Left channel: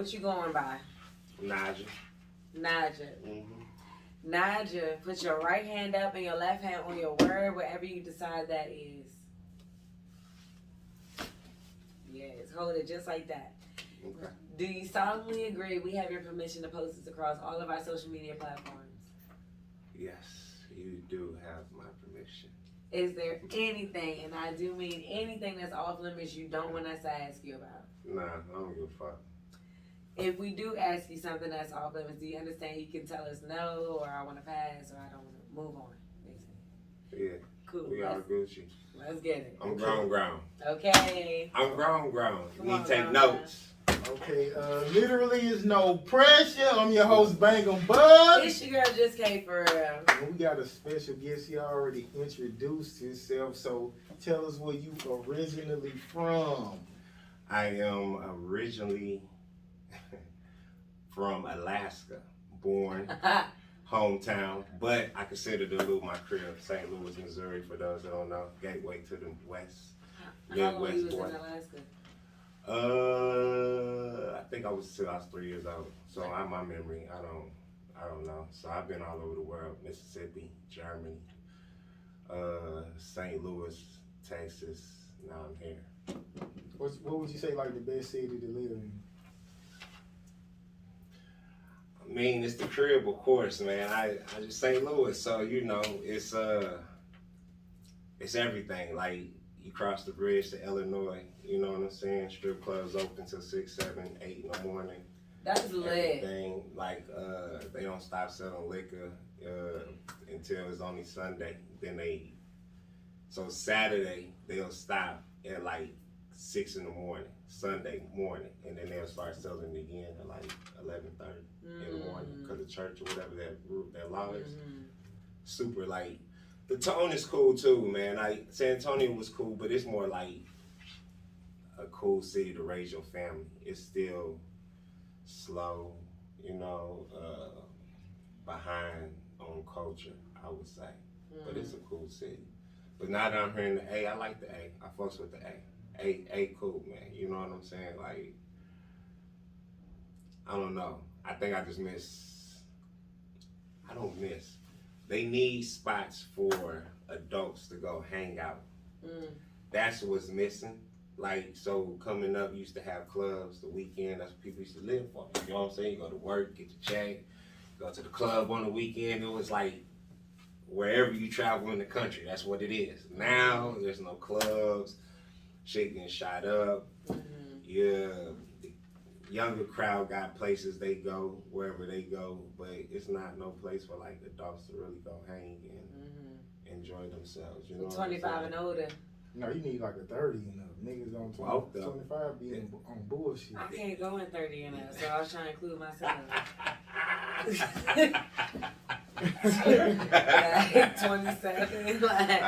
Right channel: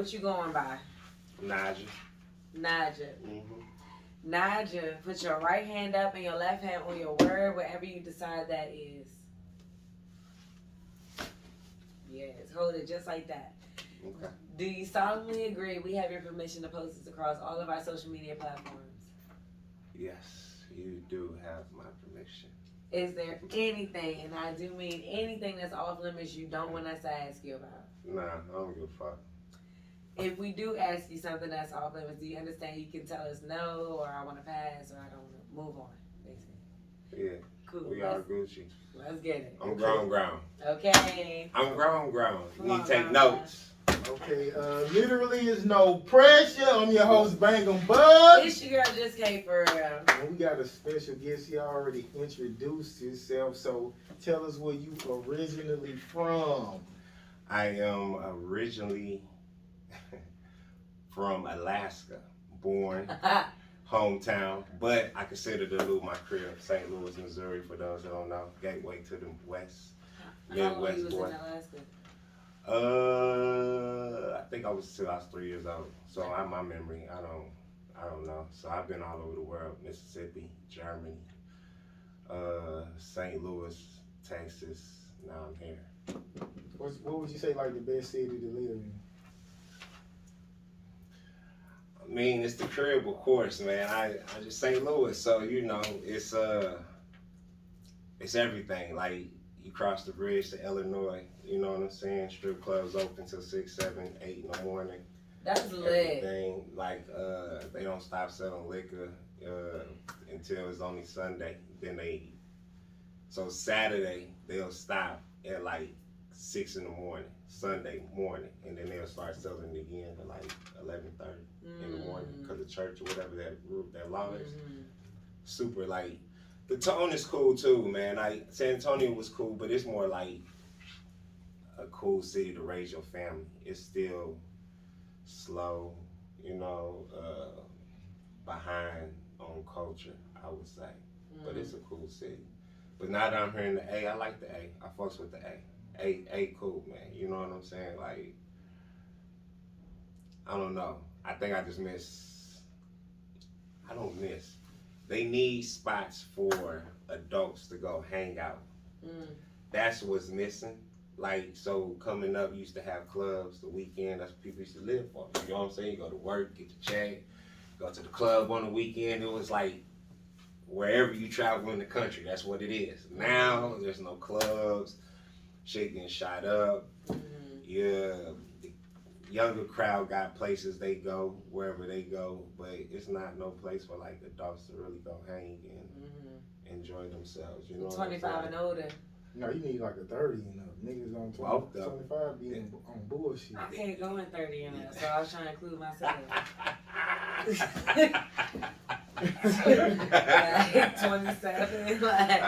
What you going by? Najje. Najje. Mm-hmm. Najje, put your right hand up and your left hand on your word, wherever you decide that is. Yes, hold it just like that. Okay. Do you solemnly agree we have your permission to post this across all of our social media platforms? Yes, you do have my permission. Is there anything, and I do mean anything that's off limits you don't want us to ask you about? Nah, I don't give a fuck. If we do ask you something that's off limits, do you understand you can tell us no, or I want to pass, or I don't want to move on, basically? Yeah. Cool. We are Gucci. Let's get it. I'm grown. Okay. I'm grown. Come You on, need to take grown. notes. Okay, literally is no pressure. I'm your host, Bangem Bugg. This your girl just came for real. And we got a special guest. He already introduced himself, so tell us where you originally from. I am originally from Alaska, born, hometown, but I consider Duluth my crib. St. Louis, Missouri, for those that don't know, gateway to the west. How long you was Midwest boy. in Alaska? I think I was 3 years old. So my memory, I don't know. So I've been all over the world: Mississippi, Germany, St. Louis, Texas. Now I'm here. What would you say like the best city to live in? I mean, it's the crib, of course, man. I just St. Louis, so you know, it's everything. Like you cross the bridge to Illinois, you know what I'm saying? Strip clubs open till 6, 7, 8 in the morning. That's lit. Everything like they don't stop selling liquor until it's only Sunday. So Saturday they'll stop at like 6 in the morning, Sunday morning, and then they'll start selling it again at like 11:30 in the morning because of church or whatever that law is. Super like the tone is cool too, man. Like San Antonio was cool, but it's more like a cool city to raise your family. It's still slow, you know, behind on culture, I would say. But it's a cool city. But now that I'm here in the A, I like the A. I fucks with the A. A cool, man. You know what I'm saying? Like, I don't know. I think I just I don't miss. They need spots for adults to go hang out. That's what's missing. Like, so coming up, you used to have clubs the weekend. That's what people used to live for. You know what I'm saying? You go to work, get your check, go to the club on the weekend. It was like wherever you travel in the country, that's what it is. Now, there's no clubs. Shit getting shot up. Yeah, the younger crowd got places they go, wherever they go, but it's not no place for like adults to really go hang and enjoy themselves. You know, 25 and older. No, you need like a 30 and up. Niggas on 25 being on bullshit. I can't go in 30 and up, so I was trying to include myself. 27, like.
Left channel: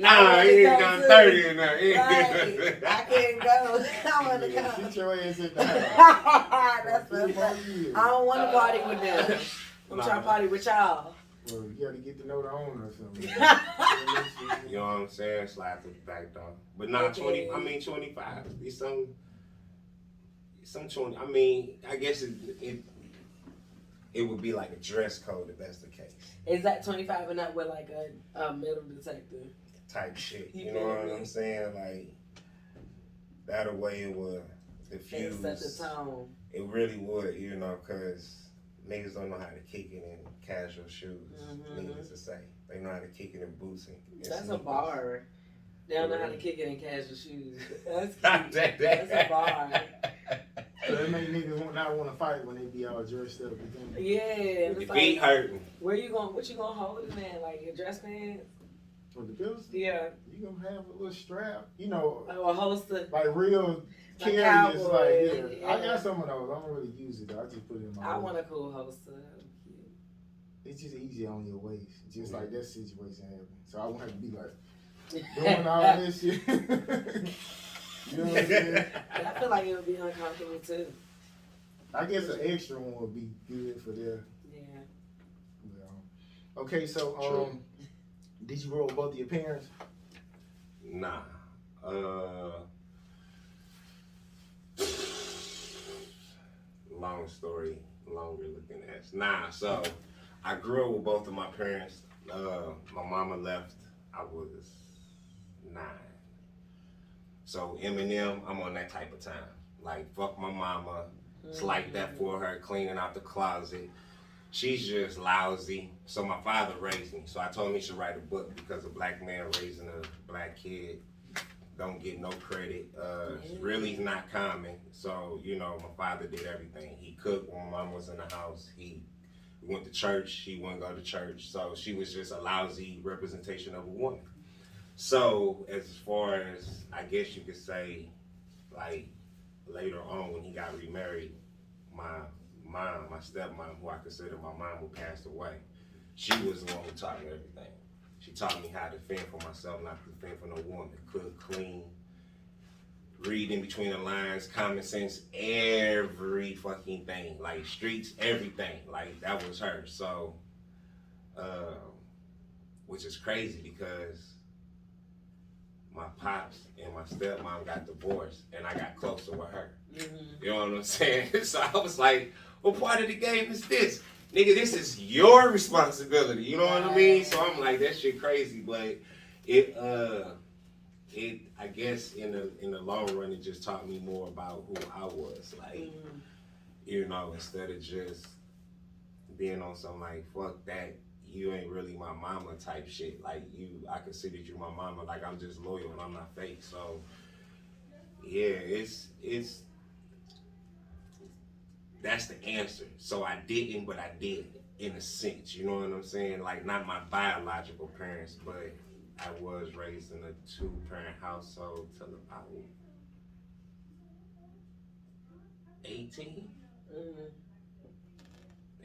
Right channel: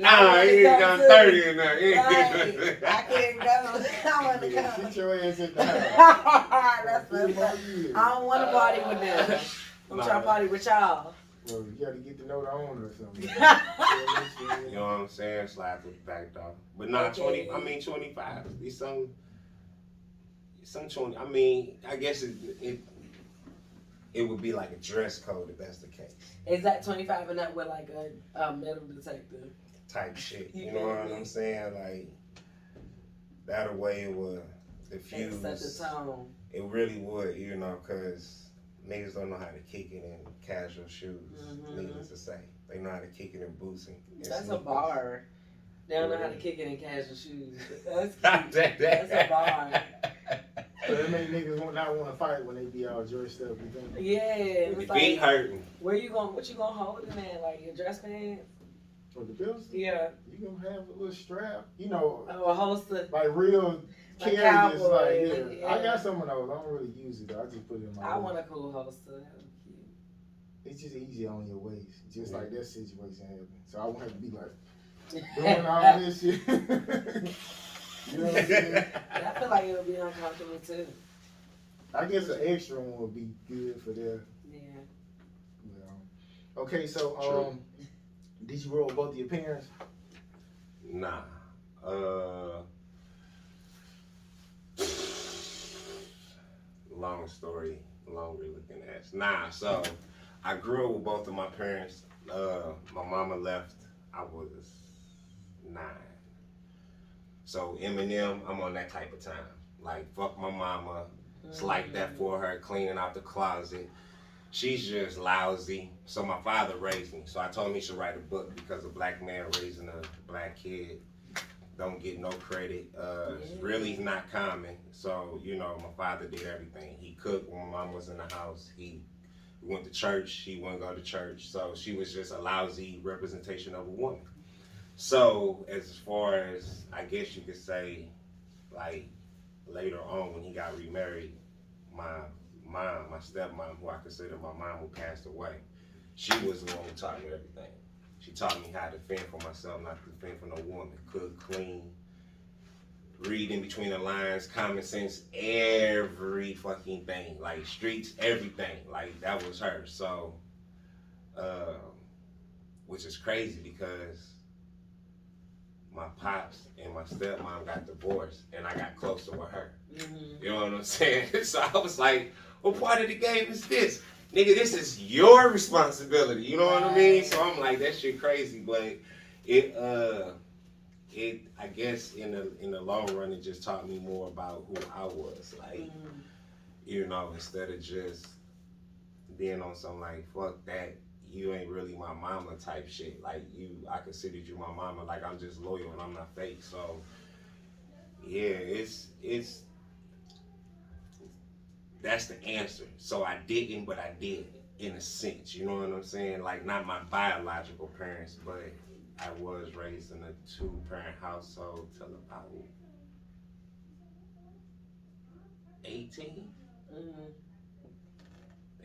Nah, he ain't gone 30 in there. Right. I can't go. I want to go. Sit your ass at the house. That's what I don't want to party with them. I'm trying to party with y'all. Well, you got to get to know the owner or something. You know what I'm saying? Slide to the back door. But not 20, I mean 25. It's some 20. I mean, I guess it would be like a dress code if that's the case. Is that 25 and up with like a metal detector? Type shit. You know what I'm saying? Like, that way it would diffuse. Set the tone. It really would, you know, because niggas don't know how to kick it in casual shoes, needless to say. They know how to kick it in boots and That's sneakers. a bar. They don't know how to kick it in casual shoes. That's cute. That's a bar. So it make niggas not want to fight when they be all dressed up. You think? Yeah. It's The like, beat hurting. what you gonna hold in there? Like your dress pants? For the pills? Yeah. You gonna have a little strap. You know, Oh, a holster. like real Like carry. cowboy, Like, yeah. I got some of those. I don't really use it though. I just put it in my I waist. want a cool holster. That would be cute. It's just easier on your waist. Just like that situation happened. So I won't have to be like doing all this shit. You know what I'm saying? I feel like it would be uncomfortable too. I guess an extra one would be good for there. Yeah. Okay, so did you roll both of your parents? Nah. long story, longer looking at. Nah, so I grew up with both of my parents. My mama left, I was 9. So Eminem, I'm on that type of time. Like, fuck my mama. It's like that for her, cleaning out the closet. She's just lousy. So my father raised me. So I told him he should write a book because a black man raising a black kid don't get no credit. It's really not common. So, you know, my father did everything. He cooked when my mom was in the house. He went to church. He wouldn't go to church. So she was just a lousy representation of a woman. So as far as, I guess you could say, like, later on when he got remarried, my mom, my stepmom, who I consider my mom, who passed away, she was the one who taught me everything. She taught me how to fend for myself, not to fend for no woman. Cook, clean, read in between the lines, common sense, every fucking thing. Like streets, everything. Like that was her. So, which is crazy because my pops and my stepmom got divorced and I got closer with her. You know what I'm saying? So I was like, what part of the game is this? Nigga, this is your responsibility. You know what I mean? So I'm like, that shit crazy, but it I guess in the long run it just taught me more about who I was. Like, you know, instead of just being on some like, fuck that, you ain't really my mama type shit. Like I considered you my mama, like I'm just loyal and I'm not fake. So yeah, it's that's the answer. So I didn't, but I did, in a sense. You know what I'm saying? Like, not my biological parents, but I was raised in a 2-parent household till about 18.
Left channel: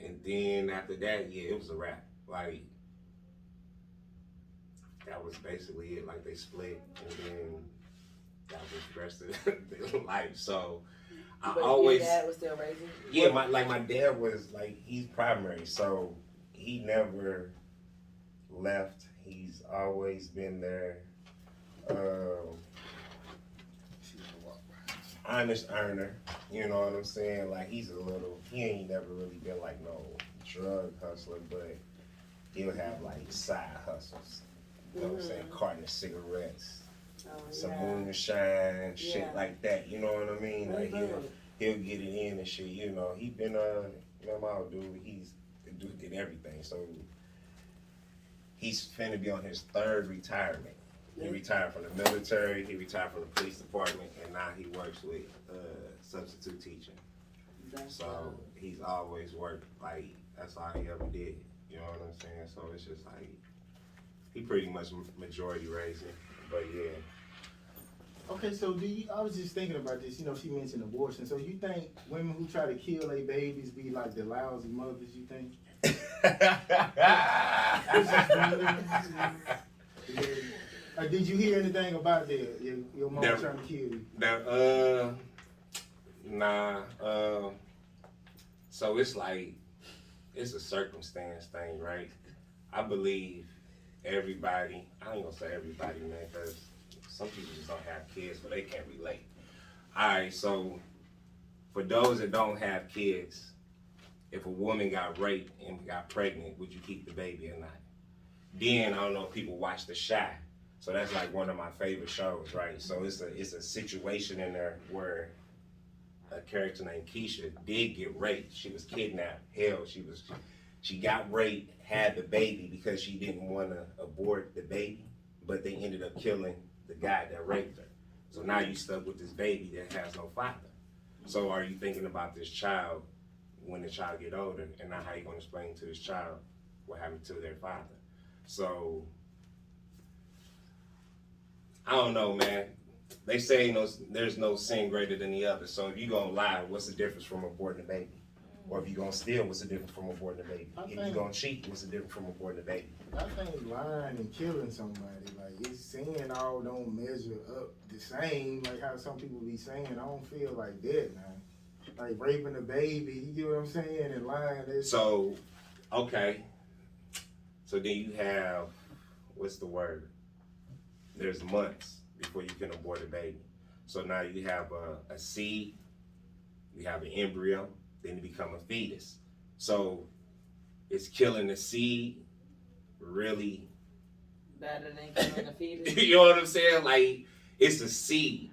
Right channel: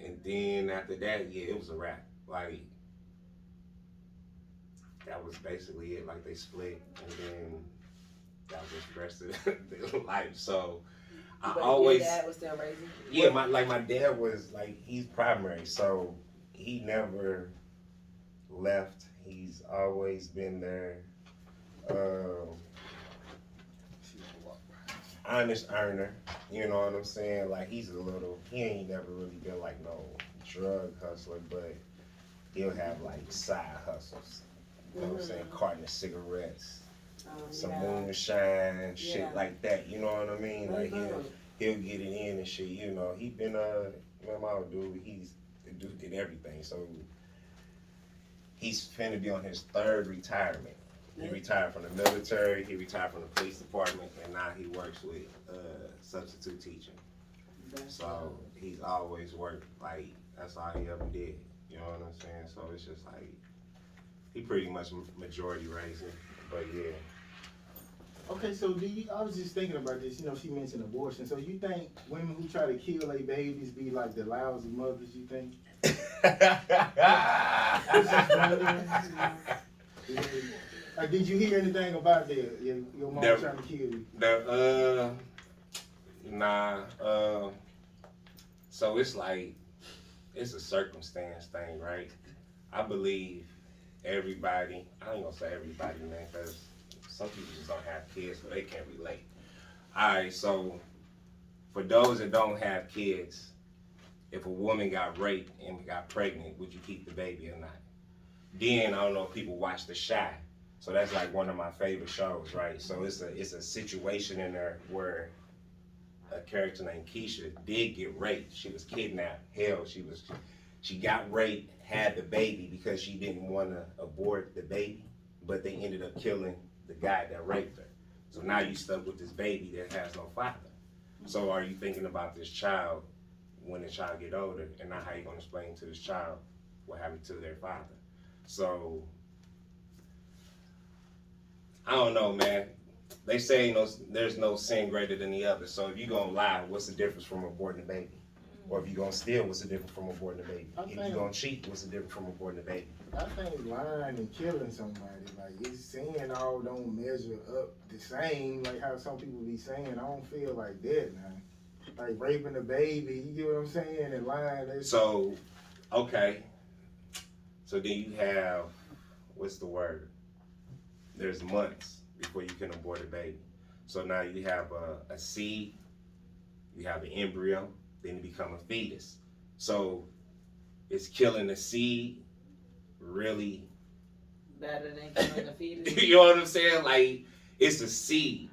And then after that, yeah, it was a wrap. Like, that was basically it. Like, they split, and then that was the rest of their life. So But always, your dad was still raising? Yeah, my dad was like, he's primary, so he never left. He's always been there. Honest earner, you know what I'm saying? Like he ain't never really been like no drug hustler, but he'll have like side hustles. You know what I'm saying? Carton of cigarettes, some moonshine, shit like that. You know what I mean? Like he'll get it in and shit. You know, he been my dude. The dude did everything. So he's finna be on his 3rd retirement. He retired from the military. He retired from the police department, and now he works with substitute teaching. So he's always worked like that's all he ever did. You know what I'm saying? So it's just like he pretty much majority raised me. But yeah. Okay, so I was just thinking about this, you know, she mentioned abortion. So you think women who try to kill their babies be like the lousy mothers, you think? Like, did you hear anything about that? Your mom trying to kill you? Nah. So it's like, it's a circumstance thing, right? I believe everybody, I ain't gonna say everybody, man, because some people just don't have kids, but they can't relate. All right, so for those that don't have kids, if a woman got raped and got pregnant, would you keep the baby or not? Then, I don't know if people watch The Shy. So that's like one of my favorite shows, right? So it's a situation in there where a character named Keisha did get raped. She was kidnapped. Hell, she got raped, had the baby because she didn't want to abort the baby, but they ended up killing the guy that raped her. So now you stuck with this baby that has no father. So are you thinking about this child when the child get older, and now how you gonna explain to this child what happened to their father? So I don't know, man. They say there's no sin greater than the other. So if you gonna lie, what's the difference from aborting a baby? Or if you gonna steal, what's the difference from aborting a baby? If you gonna cheat, what's the difference from aborting a baby? I think lying and killing somebody, like it's sin all don't measure up the same, like how some people be saying. I don't feel like that, man. Like raping a baby, you get what I'm saying, and lying. So, okay. So then you have, what's the word? There's months before you can abort a baby. So now you have a seed, you have an embryo, then it become a fetus. So it's killing the seed really better than killing the fetus. you know what I'm saying? Like it's a seed.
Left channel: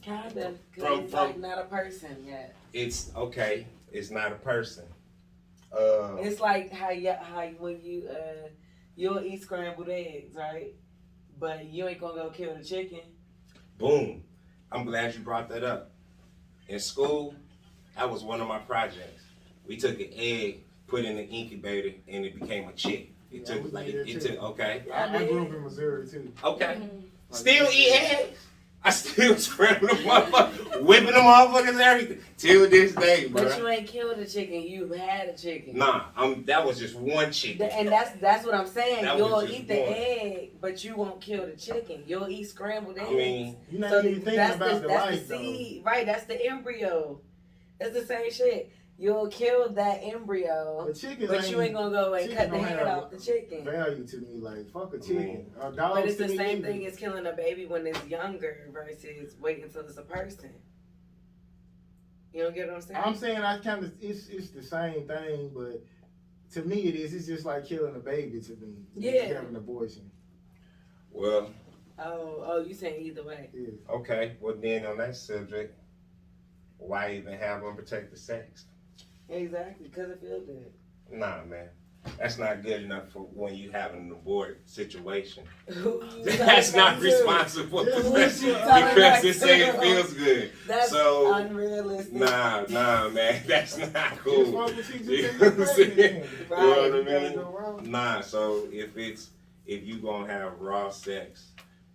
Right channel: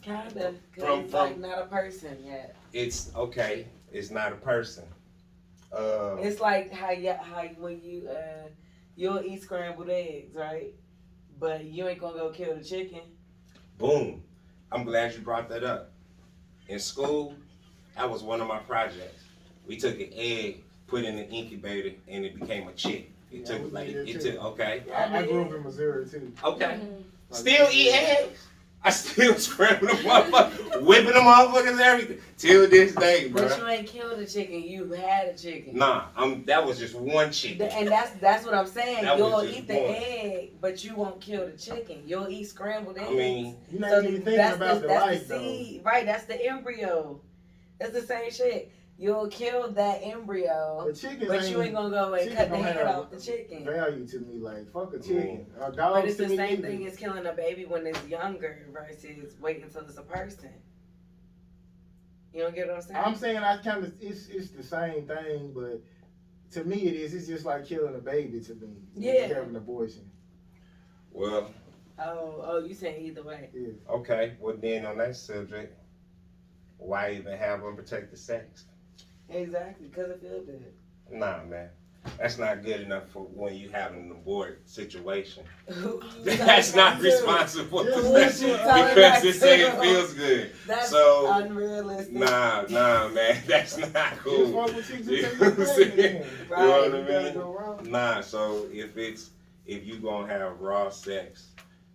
Kinda, cause it's like not a person yet. It's okay. It's not a person. It's like how when you'll eat scrambled eggs, right? But you ain't gonna go kill the chicken. Boom. I'm glad you brought that up. In school, that was one of my projects. We took an egg, put it in the incubator, and it became a chick. It took okay. I grew up in Missouri too. Okay. Still eat eggs. I still scramble them motherfuckers, whipping them motherfuckers and everything. Till this day, bro. But you ain't killed a chicken, you had a chicken. Nah, that was just one chicken. And that's what I'm saying. You'll eat the one. egg, but you won't kill the chicken. You'll eat scrambled eggs. I mean, you're not even thinking about the life, the seed, right? That's the embryo. That's the same shit. You'll kill that embryo, but you ain't gonna go and cut the head off the chicken. Value to me, like fuck a chicken. But it's the same thing as killing a baby when it's younger versus waiting until it's a person. You don't get what I'm saying? I'm saying it's the same thing, but to me it is. It's just like killing a baby to me. Yeah. Having an abortion. Well. Oh, you saying either way? Yeah. Okay. Well, then on that subject, why even have unprotected sex? Exactly, because it feels good. Nah, man. That's not good enough for when you have an abort situation. That's not responsible because it say it feels good. That's so unrealistic. Nah, man. That's not cool. You know what I mean? Nah, so if you gonna have raw sex,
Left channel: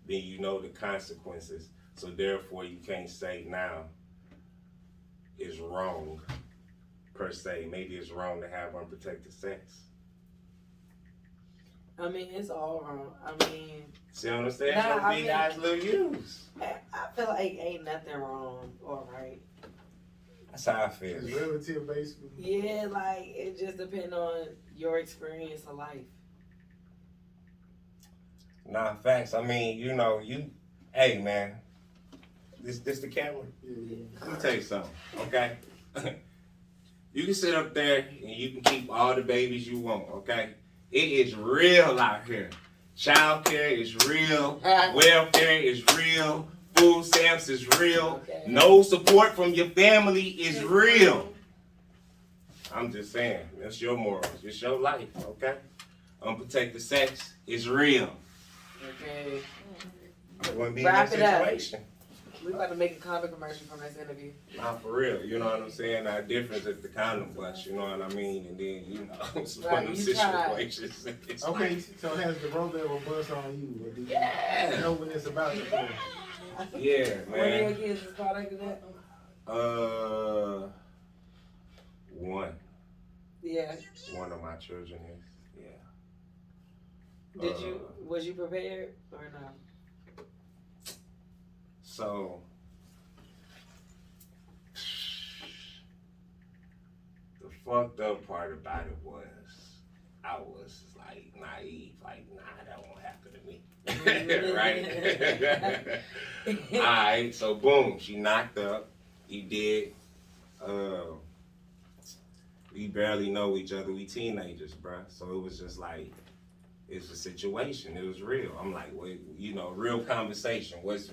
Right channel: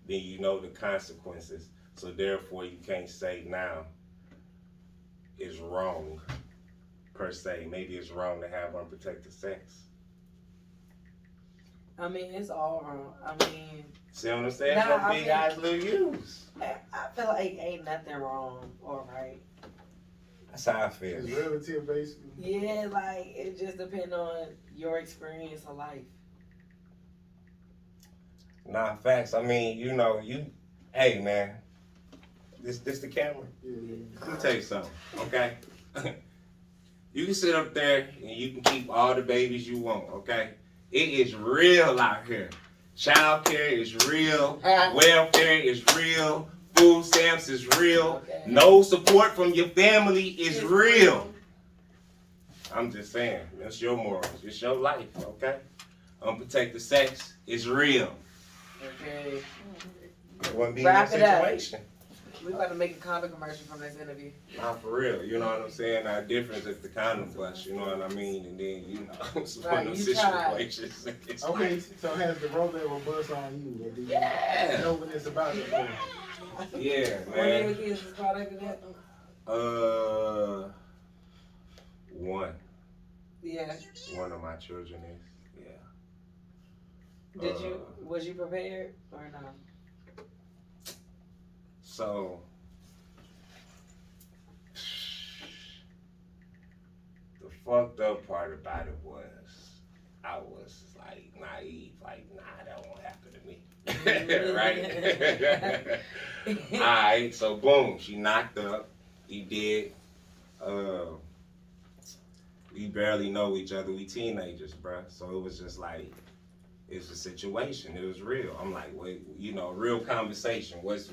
then you know the consequences. So therefore you can't say now it's wrong. Per se, maybe it's wrong to have unprotected sex. I mean, it's all wrong. I mean, see what I'm saying? Nah, Big eyes, little use. I feel like ain't nothing wrong or right. That's how I feel. It's relative, basically. Yeah, like it just depends on your experience of life. Nah, facts. I mean, hey man, this the camera. Yeah. Let me tell you something, okay? You can sit up there and you can keep all the babies you want, okay? It is real out here. Child care is real. Welfare is real. Food stamps is real. Okay. No support from your family is real. I'm just saying, it's your morals. It's your life, okay? Unprotected sex is real. Okay. It wouldn't be Wrap no it up. situation. We about to make a condom commercial from this interview. Not for real, you know what I'm saying? Our difference is the condom bust, you know what I mean? And then, it's one of those situations. Okay, so has the rope ever bust on you? Or do you know when it's about to bust? Yeah, man. One of your kids is product of that? One. Yeah. One of my children is, yeah. Was you prepared or not? So, the fucked up part about it was, I was like naive, like, nah, that won't happen to me. Right? Alright, so boom, she knocked up. He did. We barely know each other. We teenagers, bruh. So it was just like, it's a situation. It was real. I'm like, well, real conversation. What's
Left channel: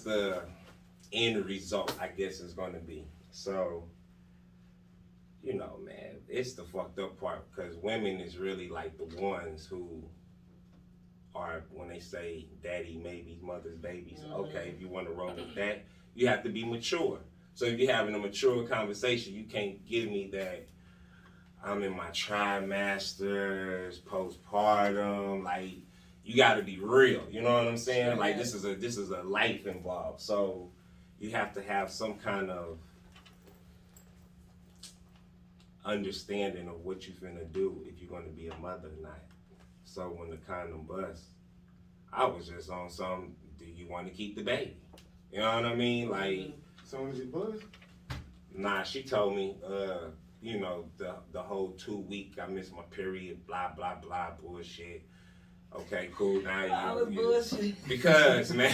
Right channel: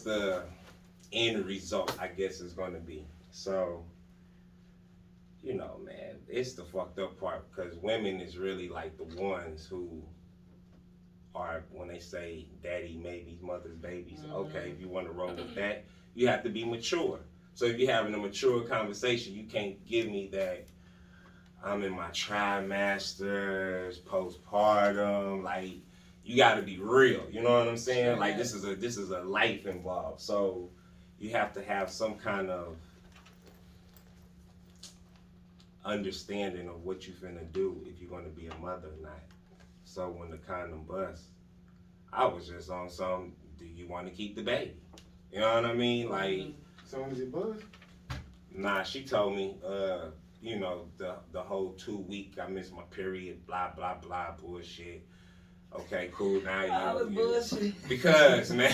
the end result, I guess, is going to be. So, man, it's the fucked up part because women is really like the ones who are, when they say daddy maybe mother's babies, okay, if you want to roll with that, you have to be mature. So if you're having a mature conversation, you can't give me that I'm in my trimesters, postpartum, like, you gotta be real, you know what I'm saying? Like this is a life involved. So you have to have some kind of understanding of what you're finna do if you're gonna be a mother or not. So when the condom bust, I was just on some, do you wanna keep the baby? You know what I mean? Like, so when it bust? Nah, she told me, the whole 2 week I missed my period, blah, blah, blah, bullshit. Okay, cool. Now bullshit. Because, man,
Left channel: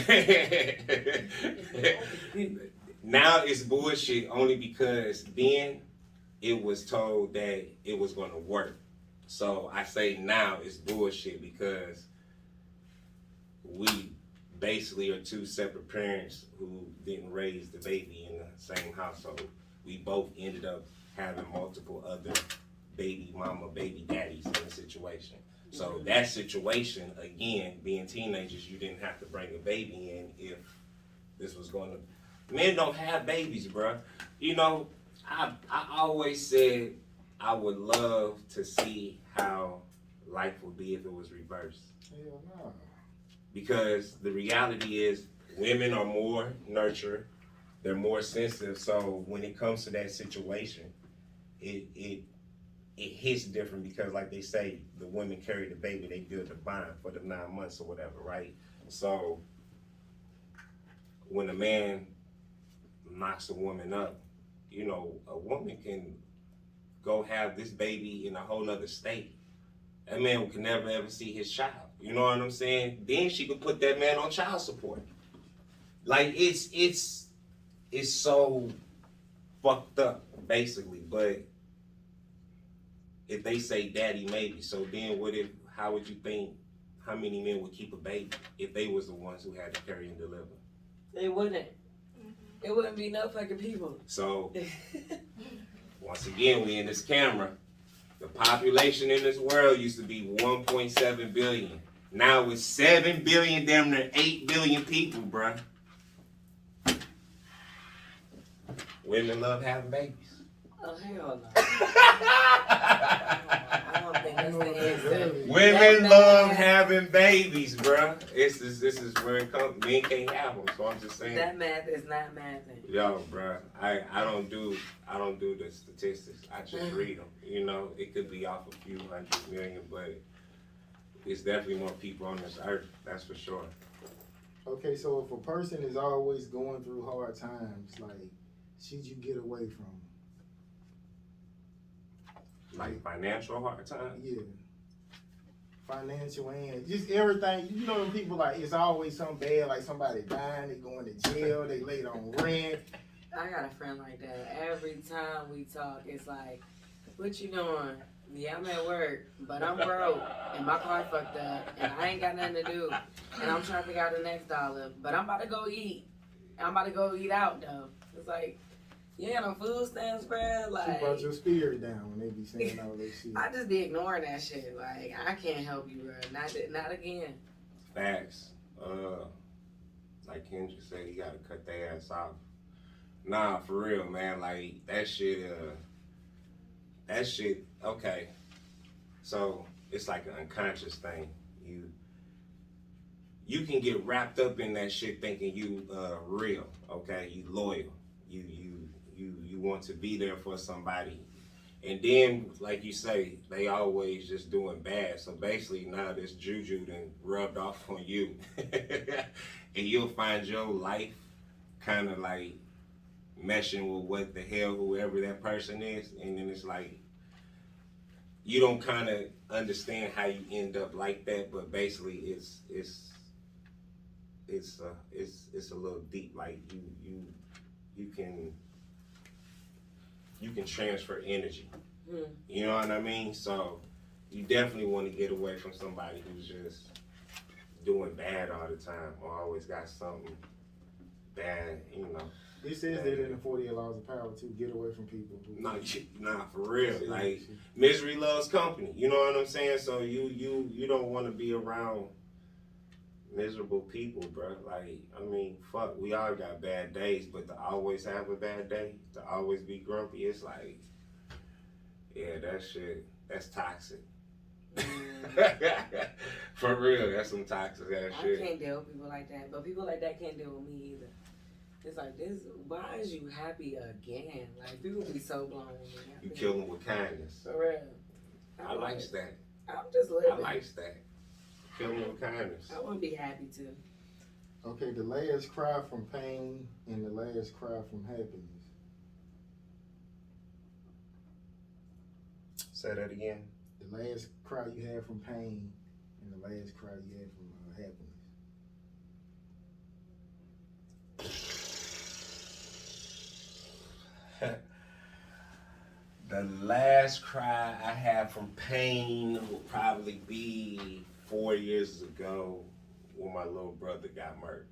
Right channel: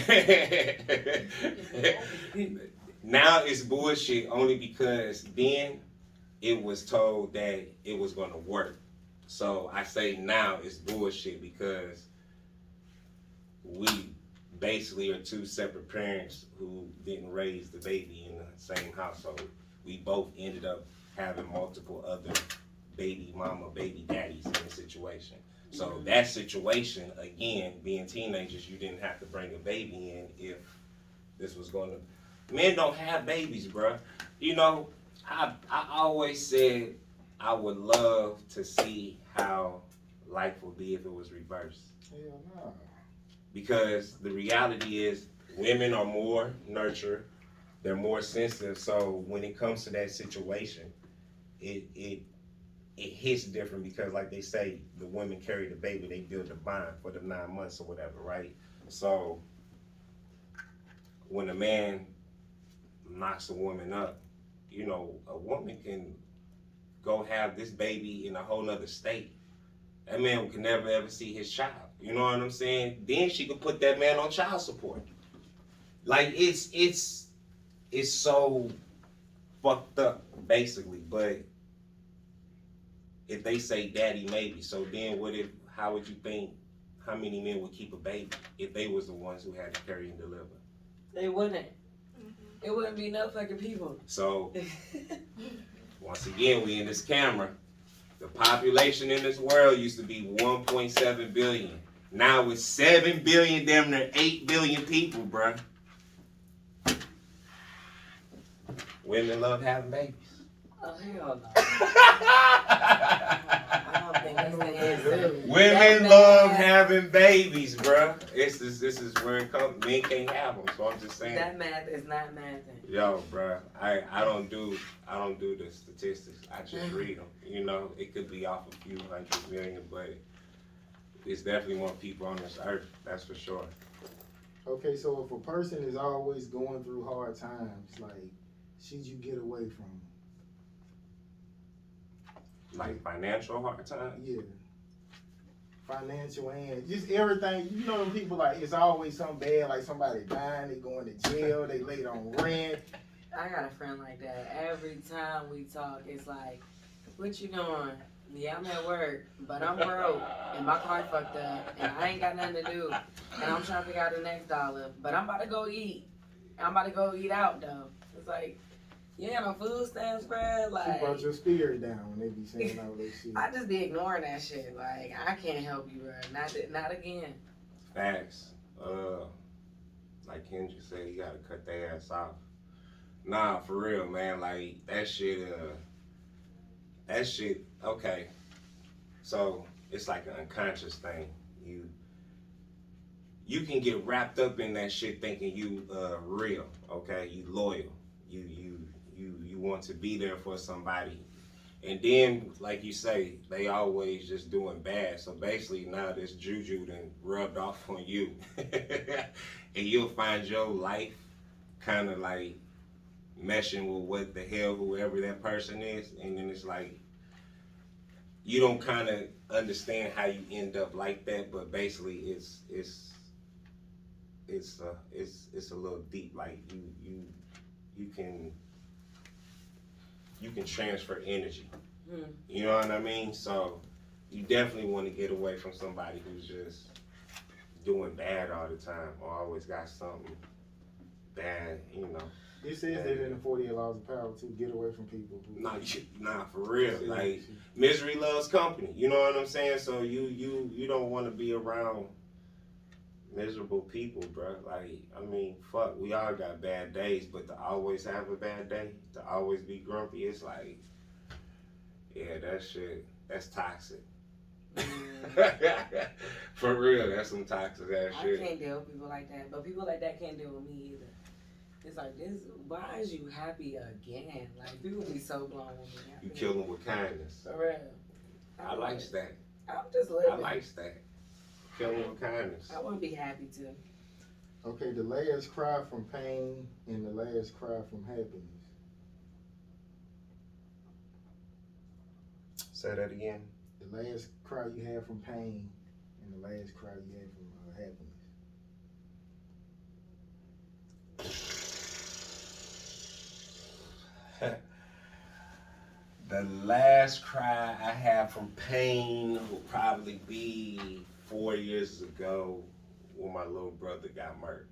now it's bullshit only because then it was told that it was gonna work. So I say now it's bullshit because we basically are two separate parents who didn't raise the baby in the same household. We both ended up having multiple other baby mama, baby daddies in the situation. So that situation, again, being teenagers, you didn't have to bring a baby in if this was going to. Men don't have babies, bruh. You know, I always said I would love to see how life would be if it was reversed. Hell no. Because the reality is women are more nurtured, they're more sensitive. So when it comes to that situation, it hits different because, like they say, the women carry the baby, they build a bond for the 9 months or whatever, right? So when a man knocks a woman up, you know, a woman can go have this baby in a whole nother state. That man can never ever see his child. You know what I'm saying? Then she can put that man on child support. Like it's so fucked up, basically. But if they say daddy maybe, so then how would you think how many men would keep a baby if they was the ones who had to carry and deliver? They wouldn't. It wouldn't be no fucking people. So once again, we in this camera. The population in this world used to be 1.7 billion. Now it's 7 billion, damn near 8 billion people, bruh. Women love having babies. Oh, hell no. I don't think that's the answer. Women love having babies, bruh. This is where it comes. Men can't have them, so I'm just saying. That math is not mathing. Yo, bruh, I don't do the statistics. I just read them. You know, it could be off a few hundred million, but it's definitely more people on this earth. That's for sure. Okay, so if a person is always going through hard times, like, should you get away from them? Like financial hard times? Yeah. Financial and just everything. You know them people, like, it's always something bad, like somebody dying, they going to jail, they late on rent. I got a friend like that. Every time we talk, it's like, what you doing? Yeah, I'm at work, but I'm broke, and my car fucked up, and I ain't got nothing to do, and I'm trying to figure out the next dollar, but I'm about to go eat. I'm about to go eat out, though. It's like, you ain't got no food stamps, bruh. Like, Keep out your spirit down when they be saying all this shit. I just be ignoring that shit. Like, I can't help you, bruh. Not again. Facts. Like Kendrick said, you gotta cut their ass off. Nah, for real, man. Like that shit. Okay. So it's like an unconscious thing. You can get wrapped up in that shit thinking you real. Okay, you loyal. You want to be there for somebody. And then, like you say, they always just doing bad. So basically now this juju done rubbed off on you. And you'll find your life kind of like meshing with what the hell whoever that person is. And then it's like, you don't kind of understand how you end up like that. But basically it's a little deep. Like you can transfer energy. You know what I mean? So you definitely want to get away from somebody who's just doing bad all the time or always got something bad, you know. It says that in the 48 Laws of Power to get away from people. Nah, for real. Like misery loves company. You know what I'm saying? So you don't want to be around miserable people, bro. Like, I mean, fuck, we all got bad days, but to always have a bad day, to always be grumpy, it's like, yeah, that shit, that's toxic. For real, that's some toxic ass shit. I can't deal with people like that, but people like that can't deal with me either. It's like, why is you happy again? Like, people be so blown with me. You kill them with kindness. For real. I like that. I'm just living. I like that. Kill them with kindness. I want to be happy too. Okay, the last cry from pain and the last cry from happiness. Say that again. The last cry you had from pain and the last cry you had from happiness. The last cry I had from pain would probably be 4 years ago when my little brother got murdered.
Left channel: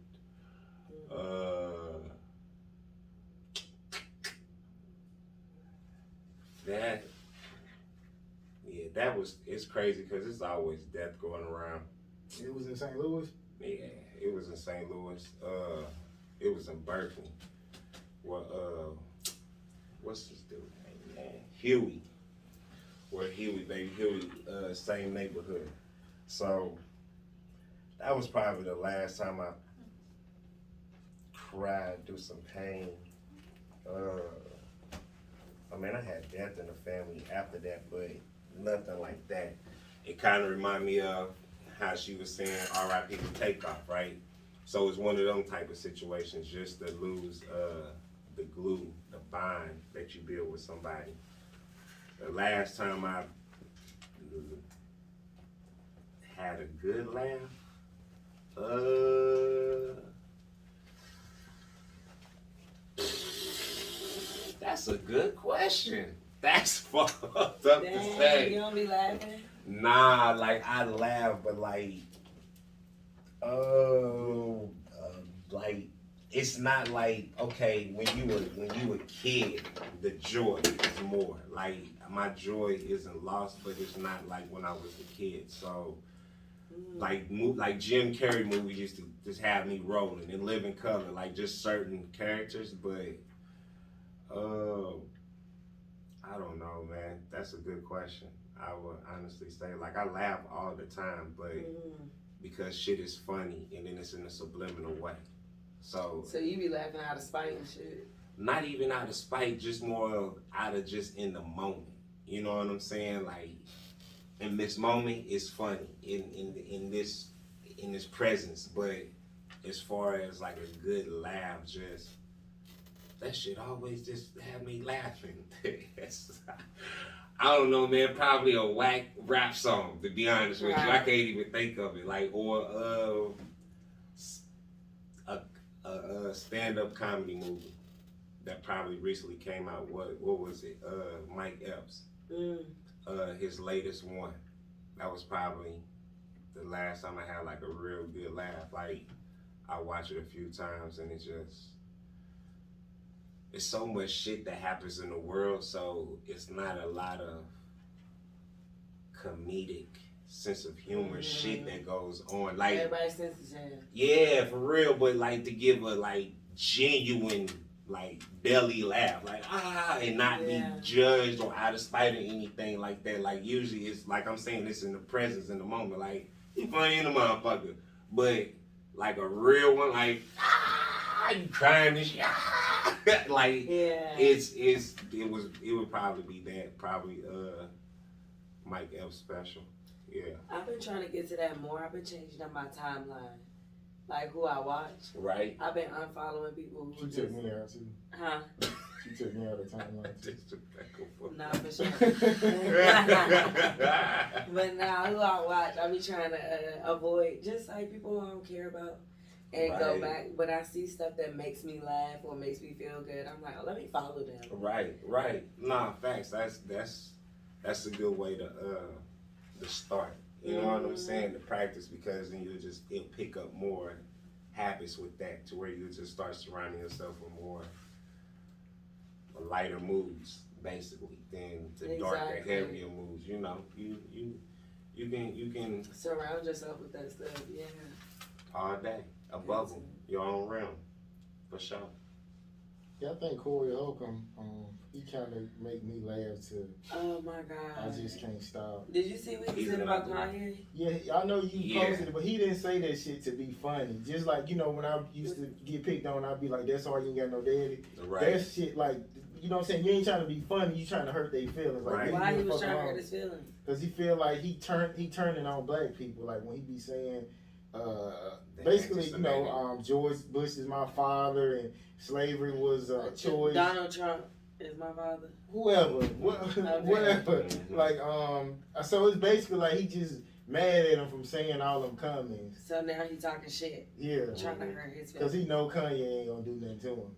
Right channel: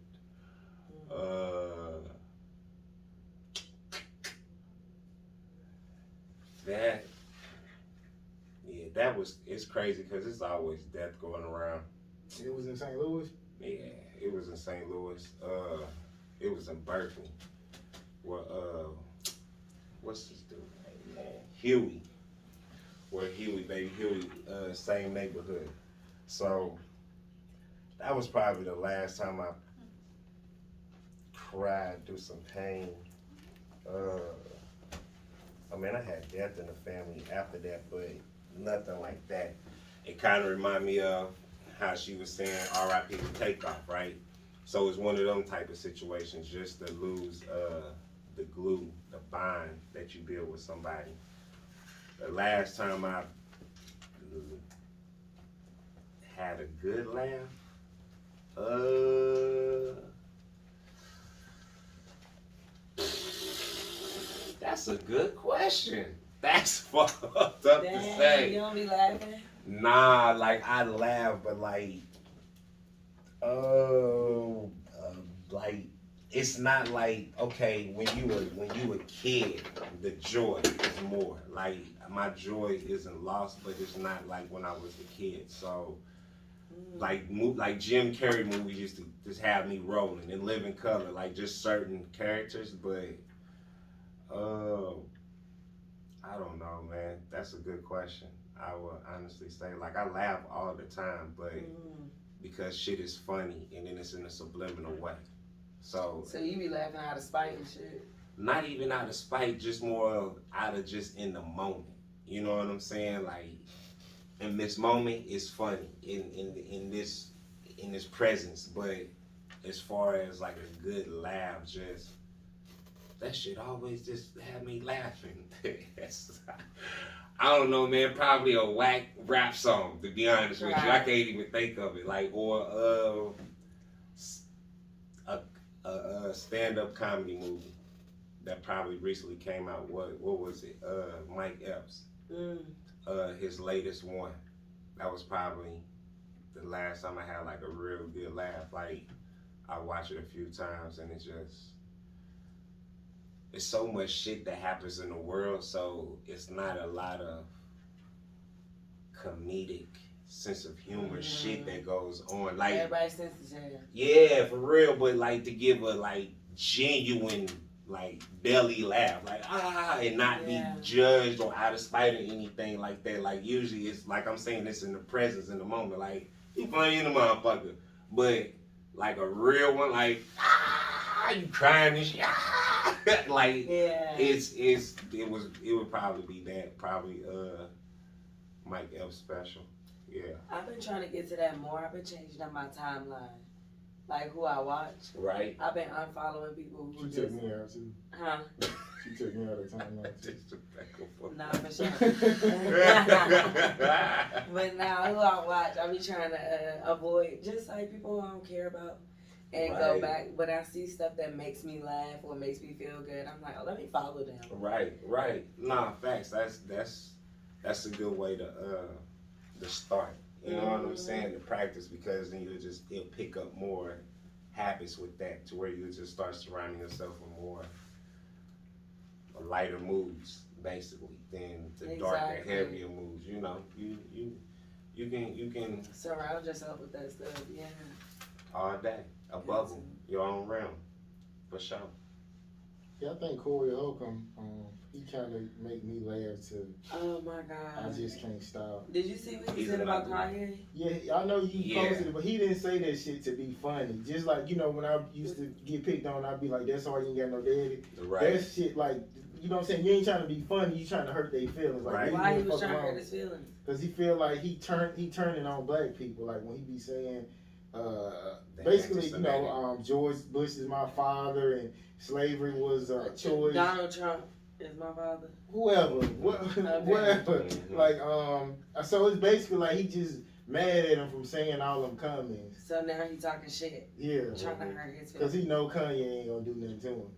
That was, it's crazy because it's always death going around. It was in St. Louis? Yeah, it was in St. Louis. It was in Berkeley. Well, what's this dude name, man? Huey. Where Huey, baby Huey, same neighborhood. So that was probably the last time I cried through some pain. I mean, I had death in the family after that, but nothing like that. It kind of reminded me of how she was saying R.I.P. to Takeoff, right? So it's one of them type of situations, just to lose the glue, the bond that you build with somebody. The last time I had a good laugh, that's a good question. That's fucked up to say. You don't be laughing? Nah, like I laugh, but like it's not like, okay, when you a kid, the joy is more. Like my joy isn't lost, but it's not like when I was a kid. So like Jim Carrey movies used to just have me rolling and Live in Color, like just certain characters, but I don't know, man. That's a good question. I would honestly say, like, I laugh all the time, but because shit is funny and then it's in a subliminal way. So you be laughing out of spite and shit? Not even out of spite, just more of out of just in the moment. You know what I'm saying? Like, in this moment, it's funny in this presence, but as far as like a good laugh, just that shit always just had me laughing. I don't know, man. Probably a whack rap song, to be honest with you. I can't even think of it. Like, or a stand-up comedy movie that probably recently came out. What was it? Mike Epps. His latest one. That was probably the last time I had like a real good laugh. Like, I watched it a few times and it's so much shit that happens in the world, so it's not a lot of comedic sense of humor shit that goes on. Like everybody's sense is here. Yeah, for real, but like to give a like genuine like belly laugh, like and not be judged or out of spite or anything like that. Like usually it's like I'm saying this in the presence, in the moment, like you funny in the motherfucker. But like a real one, like you crying and shit. Like it would probably be that, probably Mike Epps special. Yeah. I've been trying to get to that more. I've been changing up my timeline, like who I watch. Right. I've been unfollowing people who took me out too. Huh? She took me out of the timeline too. Nah, for sure. But now who I watch, I be trying to avoid just like people who I don't care about. And go back when I see stuff that makes me laugh or makes me feel good. I'm like, oh, let me follow them. Right. Nah, facts. That's a good way to start. You know what I'm saying? To practice, because then you'll pick up more habits with that, to where you just start surrounding yourself with more lighter moods, basically, than the darker, heavier moods. You know, you can surround yourself with that stuff. Yeah. All day. Above them, your own realm, for sure. Yeah, I think Corey Holcomb, he kind of make me laugh too. Oh my God. I just can't stop. Did you see what he said about Kanye? Yeah, I know you posted it, but he didn't say that shit to be funny. Just like, you know, when I used to get picked on, I'd be like, that's why you ain't got no daddy. Right. That shit, like, you know what I'm saying? You ain't trying to be funny, you trying to hurt their feelings. Like, Why he was trying to hurt his feelings? Because he feel like he turning on black people. Like, when he be saying, basically, you know, George Bush is my father and slavery was a choice. Donald Trump is my father. Whoever. Like, so it's basically like he just mad at him from saying all them comments. So now he talking shit. Yeah. Trying to hurt his feelings. Because he know Kanye ain't gonna do nothing to him.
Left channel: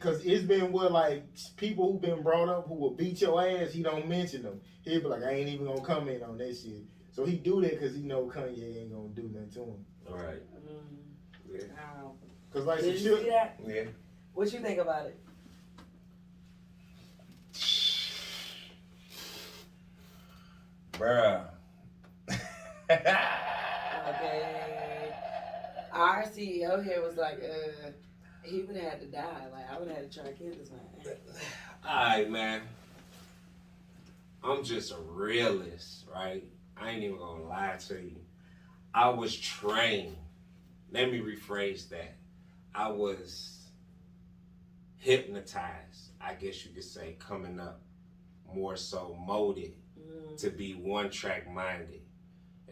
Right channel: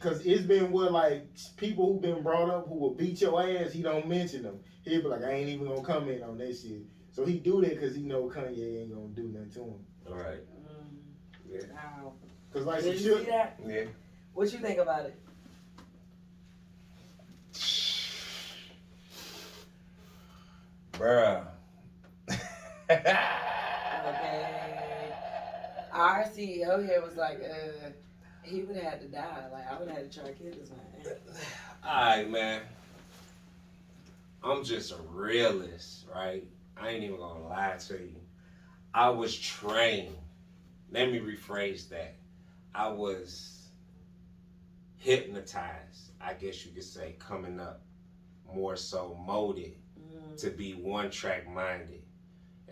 Cause it's been what, like, people who been brought up who will beat your ass, he don't mention them. He'll be like, I ain't even gonna comment on that shit. So he do that because he know Kanye ain't gonna do nothing to him. All right. Yeah. Wow. Cause like, Did you see that? Yeah. What you think about it? Bruh. Okay. Our CEO here was like, he would have had to die. Like, I would have had to try to kill this man. Alright, man. I'm just a realist, right? I ain't even gonna lie to you. I was trained. Let me rephrase that. I was hypnotized, I guess you could say, coming up, more so molded to be one track minded.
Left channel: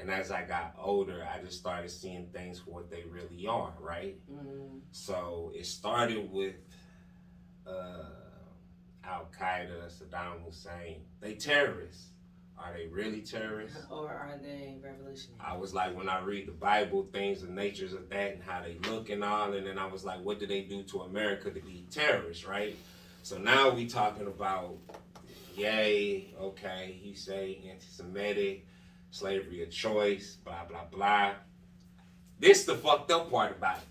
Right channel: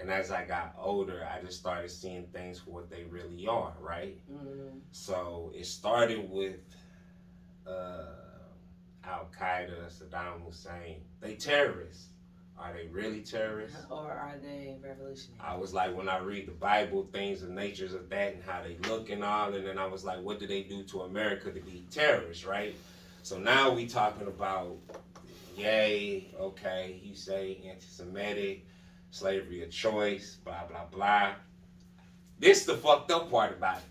And as I got older, I just started seeing things for what they really are, right? So it started with Al Qaeda, Saddam Hussein. They terrorists. Are they really terrorists? Or are they revolutionary? I was like, when I read the Bible, things, the natures of that and how they look and all, and then I was like, what do they do to America to be terrorists, right? So now we talking about, yay, okay, you say anti-Semitic, slavery of choice, blah, blah, blah. This the fucked up part about it.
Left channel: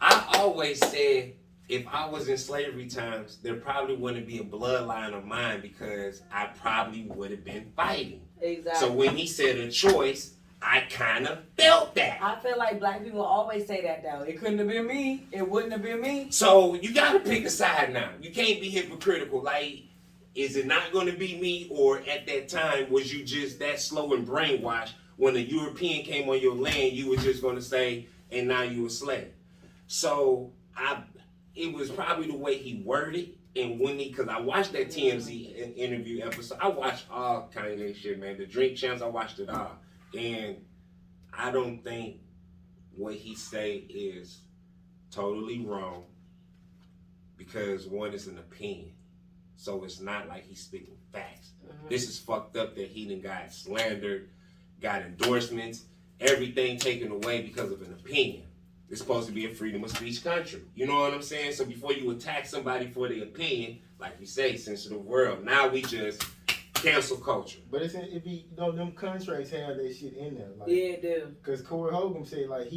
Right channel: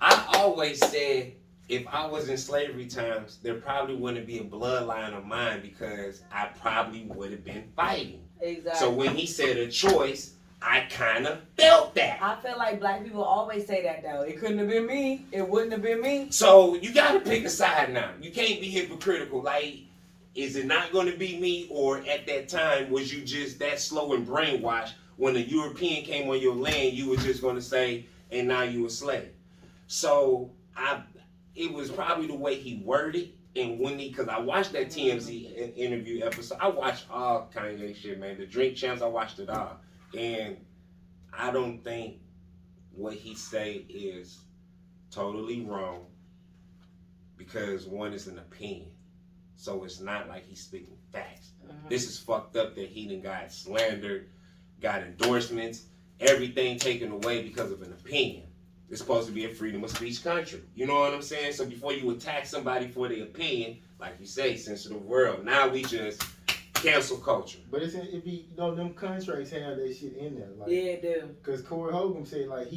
I always said, if I was in slavery times, there probably wouldn't be a bloodline of mine because I probably would have been fighting. Exactly. So when he said a choice, I kind of felt that. I feel like black people always say that though. It couldn't have been me. It wouldn't have been me. So you got to pick a side now. You can't be hypocritical. Like, is it not going to be me, or at that time was you just that slow and brainwashed? When a European came on your land, you were just going to say, and now you a slave. So it was probably the way he worded, and when because I watched that TMZ interview episode. I watched all kind of shit, man. The Drink Champs, I watched it all, and I don't think what he say is totally wrong, because one is an opinion, so it's not like he's speaking facts. This is fucked up that he done got slandered, got endorsements, everything taken away because of an opinion. It's supposed to be a freedom of speech country. You know what I'm saying? So before you attack somebody for their opinion, like you say, sensitive world, now we just cancel culture. But it be, you know, them contracts have that shit in there. Like, Yeah, it do. Because Corey Hogan said, like,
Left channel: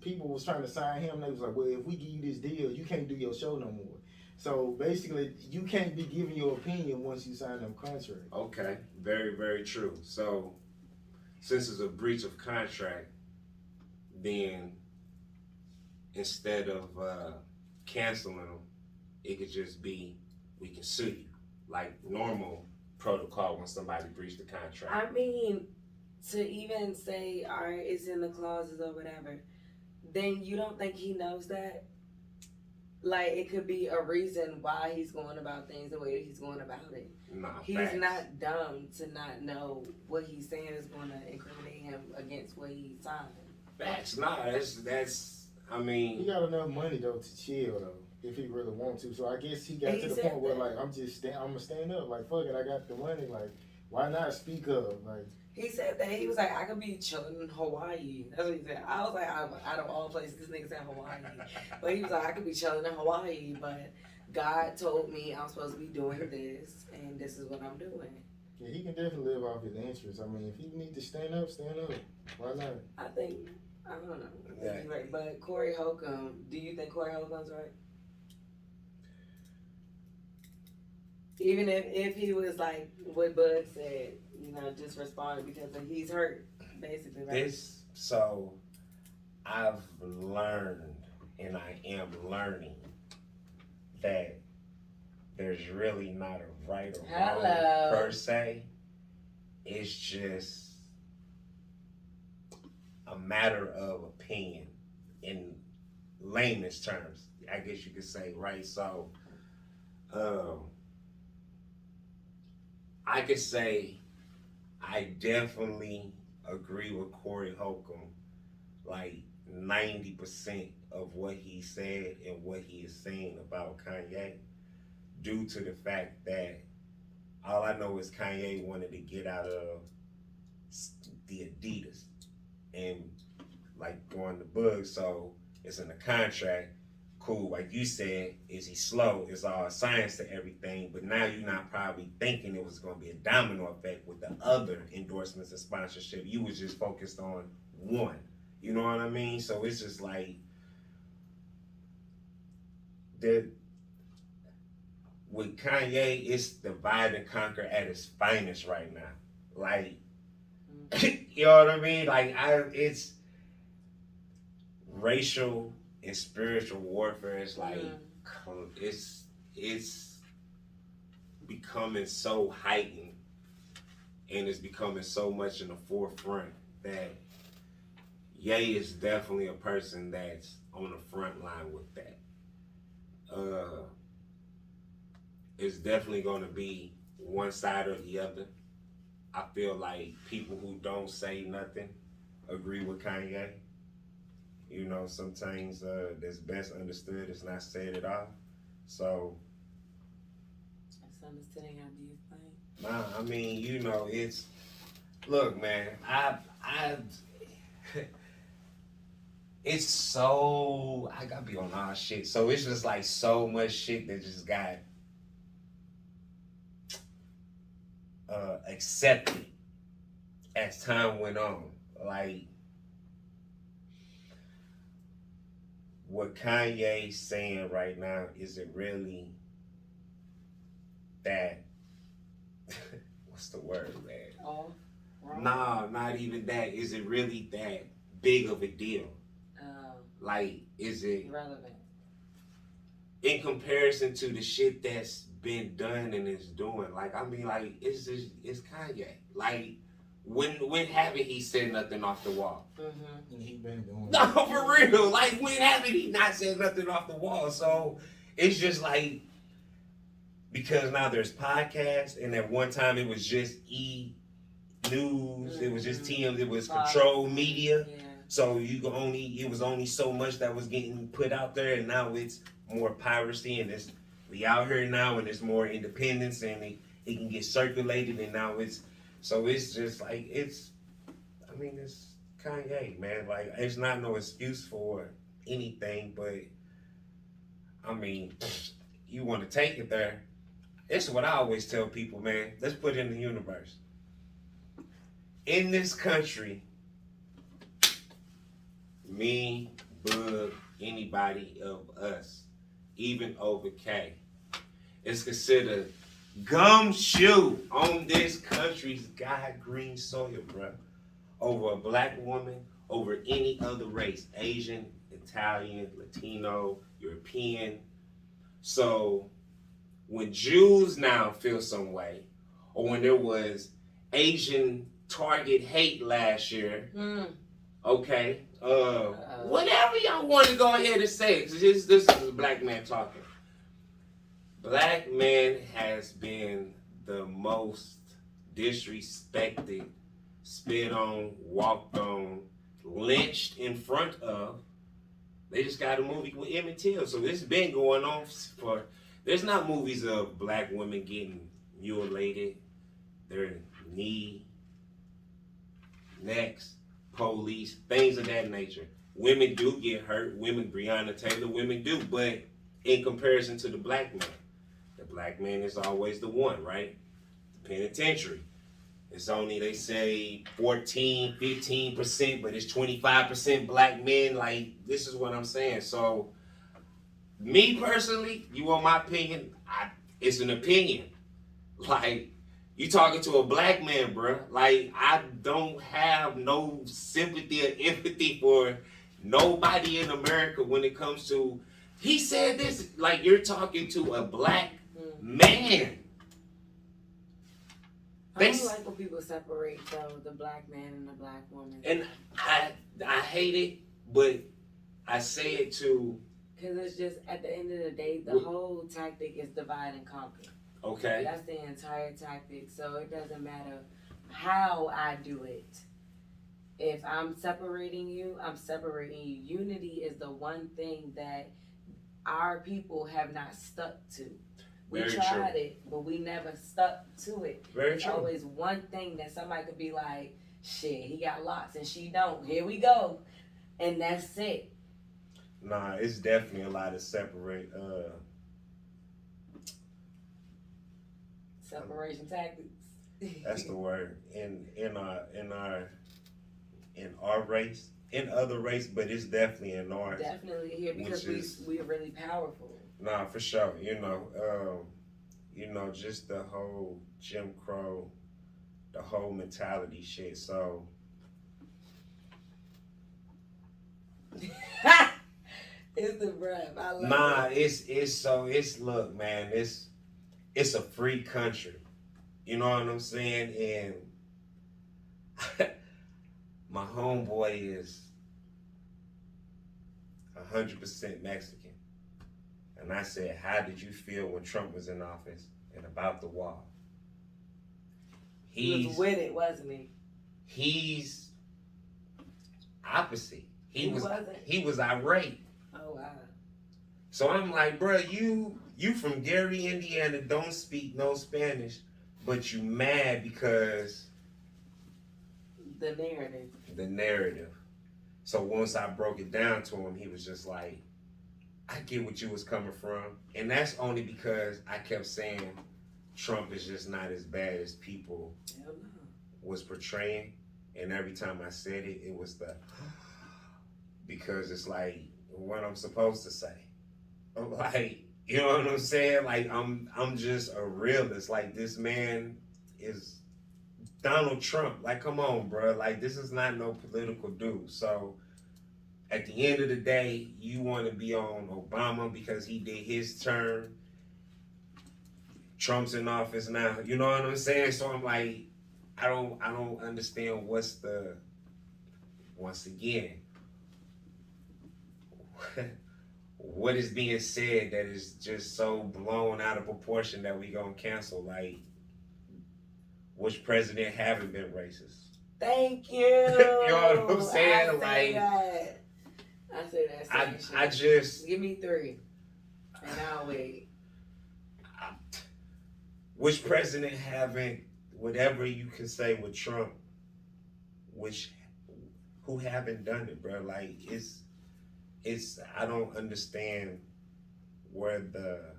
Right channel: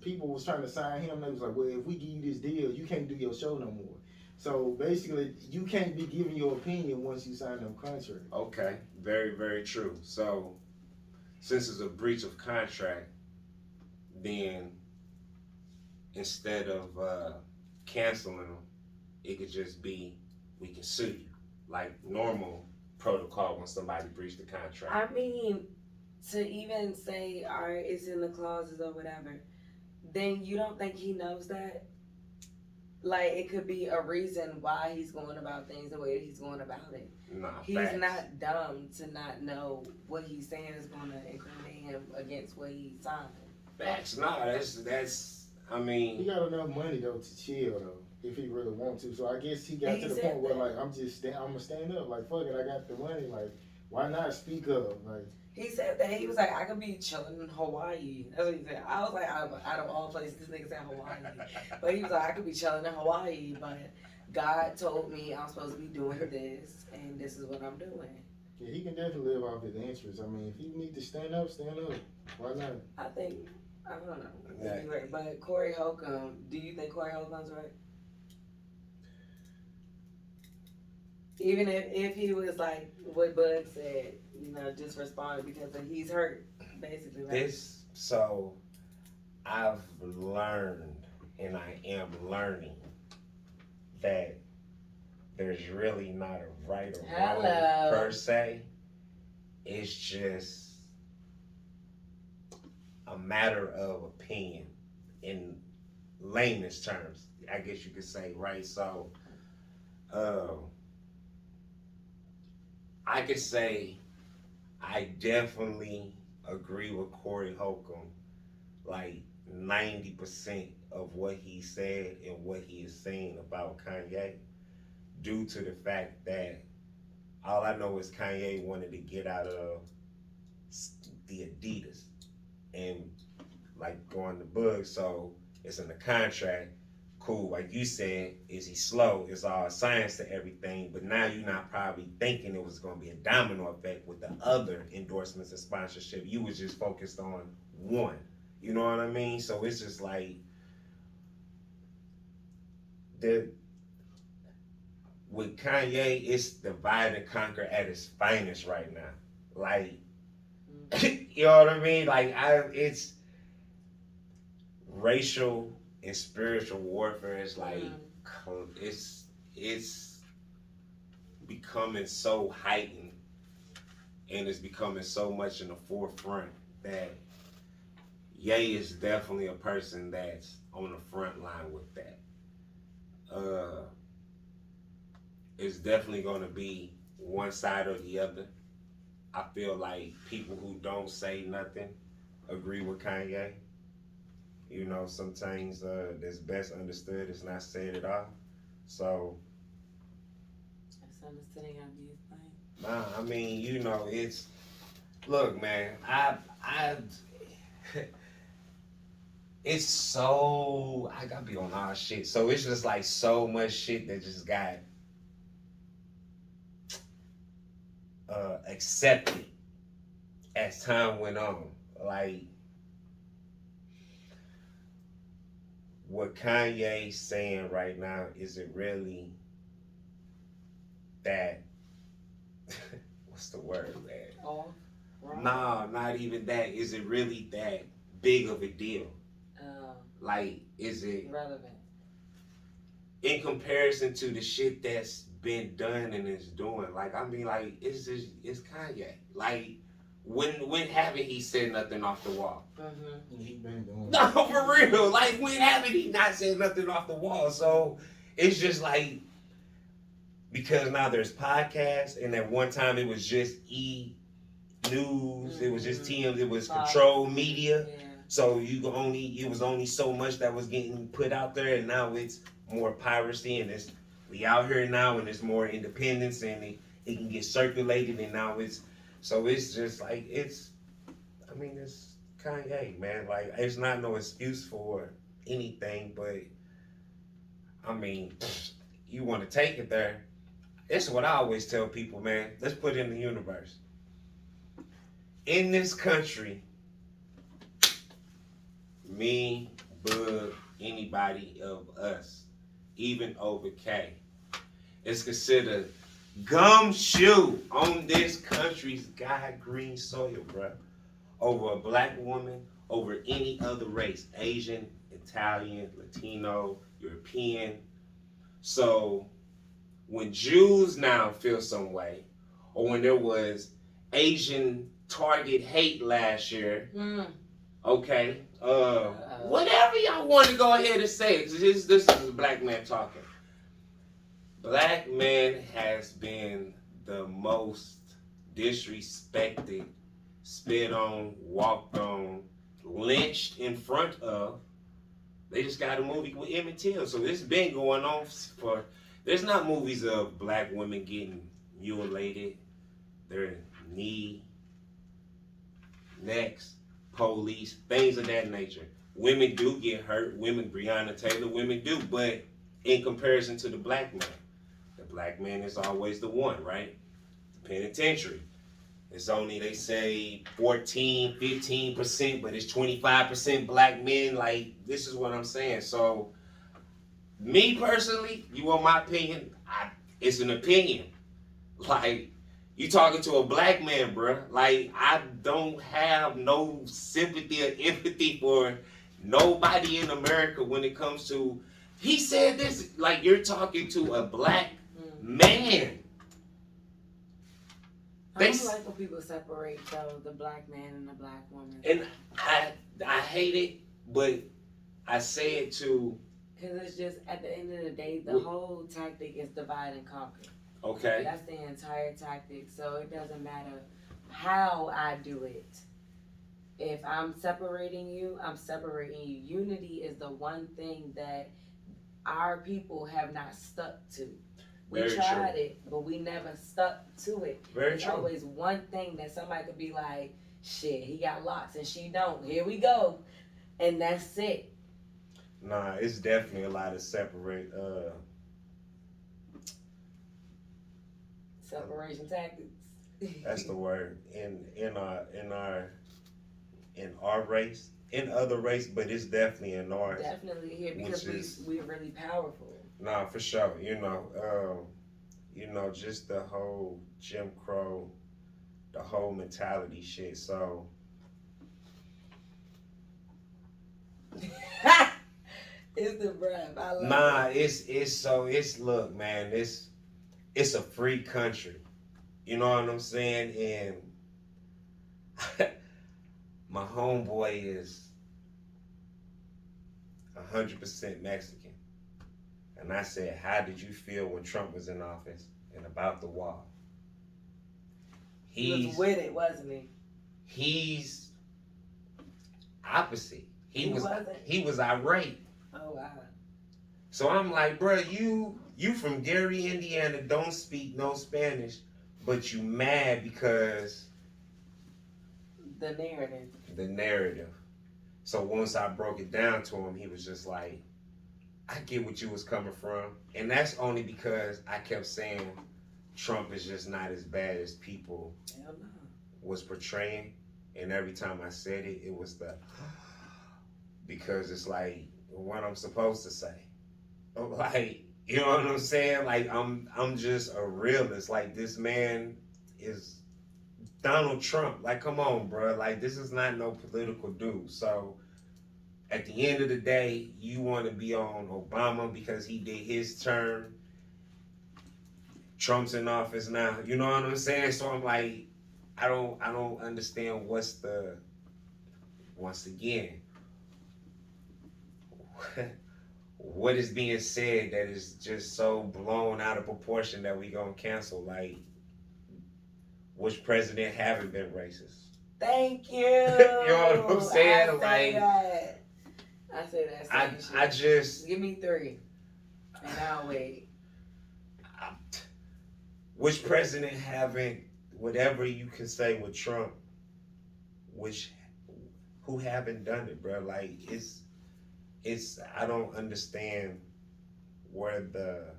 people was trying to sign him, and they was like, well, if we give you this deal, you can't do your show no more. So basically, you can't be giving your opinion once you sign them contracts. Okay, very, very true. So since it's a breach of contract, then instead of canceling them, it could just be, we can sue you, like normal protocol when somebody breached the contract. I mean, to even say, all right, it's in the clauses or whatever, then you don't think he knows that? Like, it could be a reason why he's going about things the way that he's going about it. Nah, He's facts. not dumb to not know what he's saying is going to incriminate him against what he signed. Facts, nah, that's, I mean. He got enough money, though, to chill, though, if he really wants to. So I guess he got He to the said point where, that. like, I'm going to stand up. Like, fuck it, I got the money. Like, why not speak up? Like, He said that. He was like, I could be chilling in Hawaii. That's what he said. I was like, out of all places, this nigga said Hawaii. But he was like, I could be chilling in Hawaii, but God told me I'm supposed to be doing this, and this is what I'm doing. yeah, he can definitely live off his interests. I mean, if he need to stand up, stand up. Why not? I think, I don't know. Yeah. You're right. But Corey Holcomb, do you think Corey Holcomb's right? Even if he was like what Bug said, you know, just respond because he's hurt, basically, right? So I've learned, and I am learning, that there's really not a right or wrong per se. It's just a matter of opinion in layman's terms, I guess you could say, right? So I could say I definitely agree with Corey Holcomb, like 90% of what he said and what he is saying about Kanye, due to the fact that all I know is Kanye wanted to get out of the Adidas and like going to Bugg, so it's in the contract. cool, like you said, is he slow? It's all science to everything, but now you're not probably thinking it was going to be a domino effect with the other endorsements and sponsorship. You was just focused on one. You know what I mean? So it's just like with Kanye, it's divide and conquer at its finest right now. Like, you know what I mean? Like, it's racial and spiritual warfare. It's like, it's becoming so heightened, and it's becoming so much in the forefront that Ye is definitely a person that's on the front line with that. It's definitely going to be one side or the other. I feel like people who don't say nothing agree with Kanye. You know, sometimes that's best understood is not said at all. So, That's understanding how these things. nah, I mean, you know, it's look, man, I it's so I gotta be on all shit. So it's just like so much shit that just got accepted as time went on. Like what Kanye's saying right now, is it really that what's the word, man? Oh, wrong. No, not even that. Is it really that big of a deal? Like, is it Relevant in comparison to the shit that's been done and is doing? Like, I mean, like, it's Kanye. Like, when haven't he said nothing off the wall? Mm-hmm. He been doing No, for real. Like, when haven't he not said nothing off the wall? So it's just like, because now there's podcasts, and at one time it was just E! News, it was just TM, it was controlled media. Yeah. So it was only so much that was getting put out there, and now it's more piracy, and we out here now, and it's more independence, and it can get circulated, and now it's just like it's Kanye, man. Like, it's not no excuse for anything, but I mean, you want to take it there. It's what I always tell people, man. Let's put it in the universe. In this country, me, Bug, anybody of us, even over K, is considered gumshoe on this country's God green soil, bro. Over a black woman, over any other race, Asian, Italian, Latino, European. So when Jews now feel some way, or when there was Asian Target hate last year, okay, whatever y'all want to go ahead and say, this is a black man talking. Black man has been the most disrespected, spit on, walked on, lynched in front of. They just got a movie with Emmett Till, so this has been going on for. There's not movies of black women getting mutilated, their knee, necks, police, things of that nature. Women do get hurt. Women, Breonna Taylor, women do. But in comparison to the black man is always the one, right? Penitentiary. It's only, they say, 14, 15%, but it's 25% black men. Like, this is what I'm saying. So, me personally, you want my opinion? It's an opinion. Like, you talking to a black man, bro. Like, I don't have no sympathy or empathy for nobody in America when it comes to, he said this, like, you're talking to a black man. I don't like when people separate, though, the black man and the black woman. And I hate it, but I say it to... Because it's just, at the end of the day, the whole tactic is divide and conquer. Okay. That's the entire tactic. So it doesn't matter how I do it. If I'm separating you, I'm separating you. Unity is the one thing that our people have not stuck to. We tried it, but we never stuck to it. There's always one thing that somebody could be like, shit, he got locks and she don't. Here we go. And that's it. Nah, it's definitely a lot of separate. Separation tactics. That's the word in our race, in other race, but it's definitely in ours. Definitely here because we're really powerful. Nah, for sure. Just the whole Jim Crow, the whole mentality shit. So It's the breath. I love nah, it. it's look, man, it's a free country. You know what I'm saying? And my homeboy is 100% Mexican. And I said, how did you feel when Trump was in office and about the wall? He was with it, wasn't he? He's opposite. He wasn't? He was irate. Oh wow. So I'm like, bro, you from Gary, Indiana, don't speak no Spanish, but you mad because the narrative. The narrative. So once I broke it down to him, he was just like, I get what you was coming from. And that's only because I kept saying Trump is just not as bad as people was portraying. And every time I said it, it was the because it's like what I'm supposed to say. Like, you know what I'm saying? Like I'm just a realist. Like this man is Donald Trump. Like, come on, bro. Like this is not no political dude. So at the end of the day, you want to be on Obama because he did his term. Trump's in office now. You know what I'm saying? So I'm like, I don't understand once again, what is being said that is just so blown out of proportion that we gonna cancel? Like, which president haven't been racist? Thank you. You know what I'm saying? I say that. I just give me 3, and I'll wait. Which president haven't, whatever you can say with Trump, who haven't done it, bro? Like it's I don't understand where the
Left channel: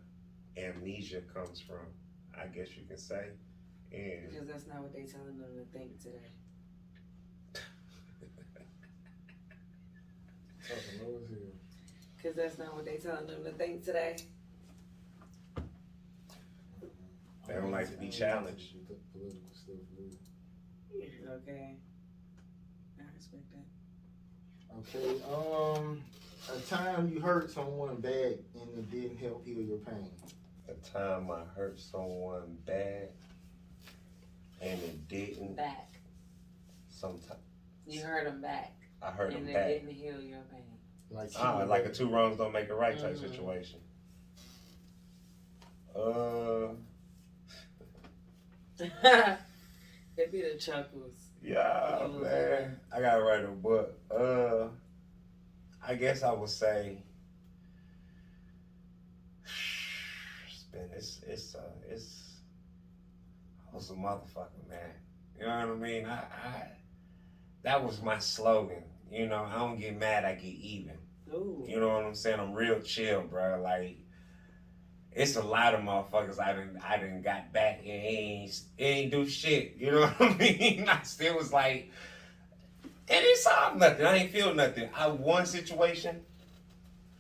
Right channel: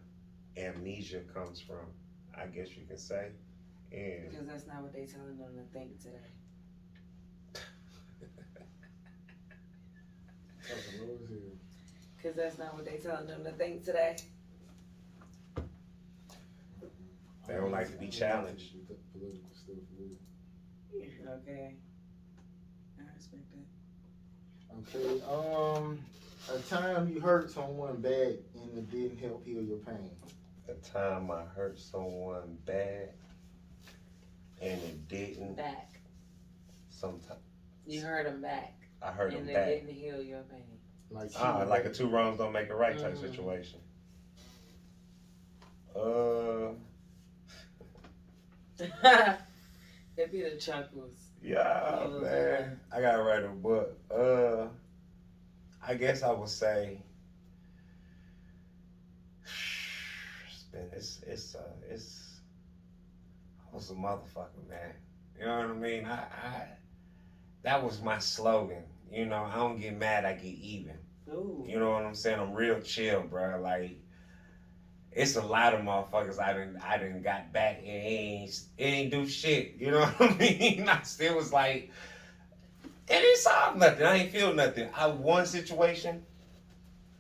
amnesia comes from. I guess you can say, and because that's not what they telling them to think today. Because that's not what they telling them to think today. They don't like to be challenged. Okay. I respect that. Okay, a time you hurt someone bad and it didn't help heal your pain. A time I hurt someone bad and it didn't. Back. Sometimes. You hurt them back. I hurt them back. back. And it didn't heal your pain. Like a 2 wrongs don't make a right type situation. It'd be the chuckles. Yeah, man. I gotta write a book. I guess I would say it's I was a motherfucker, man. You know what I mean? I that was my slogan. You know, I don't get mad, I get even. Ooh. You know what I'm saying? I'm real chill, bro. Like, it's a lot of motherfuckers I didn't got back and it ain't do shit. You know what I mean? I still was like, it ain't solved nothing. I ain't feel nothing. One situation,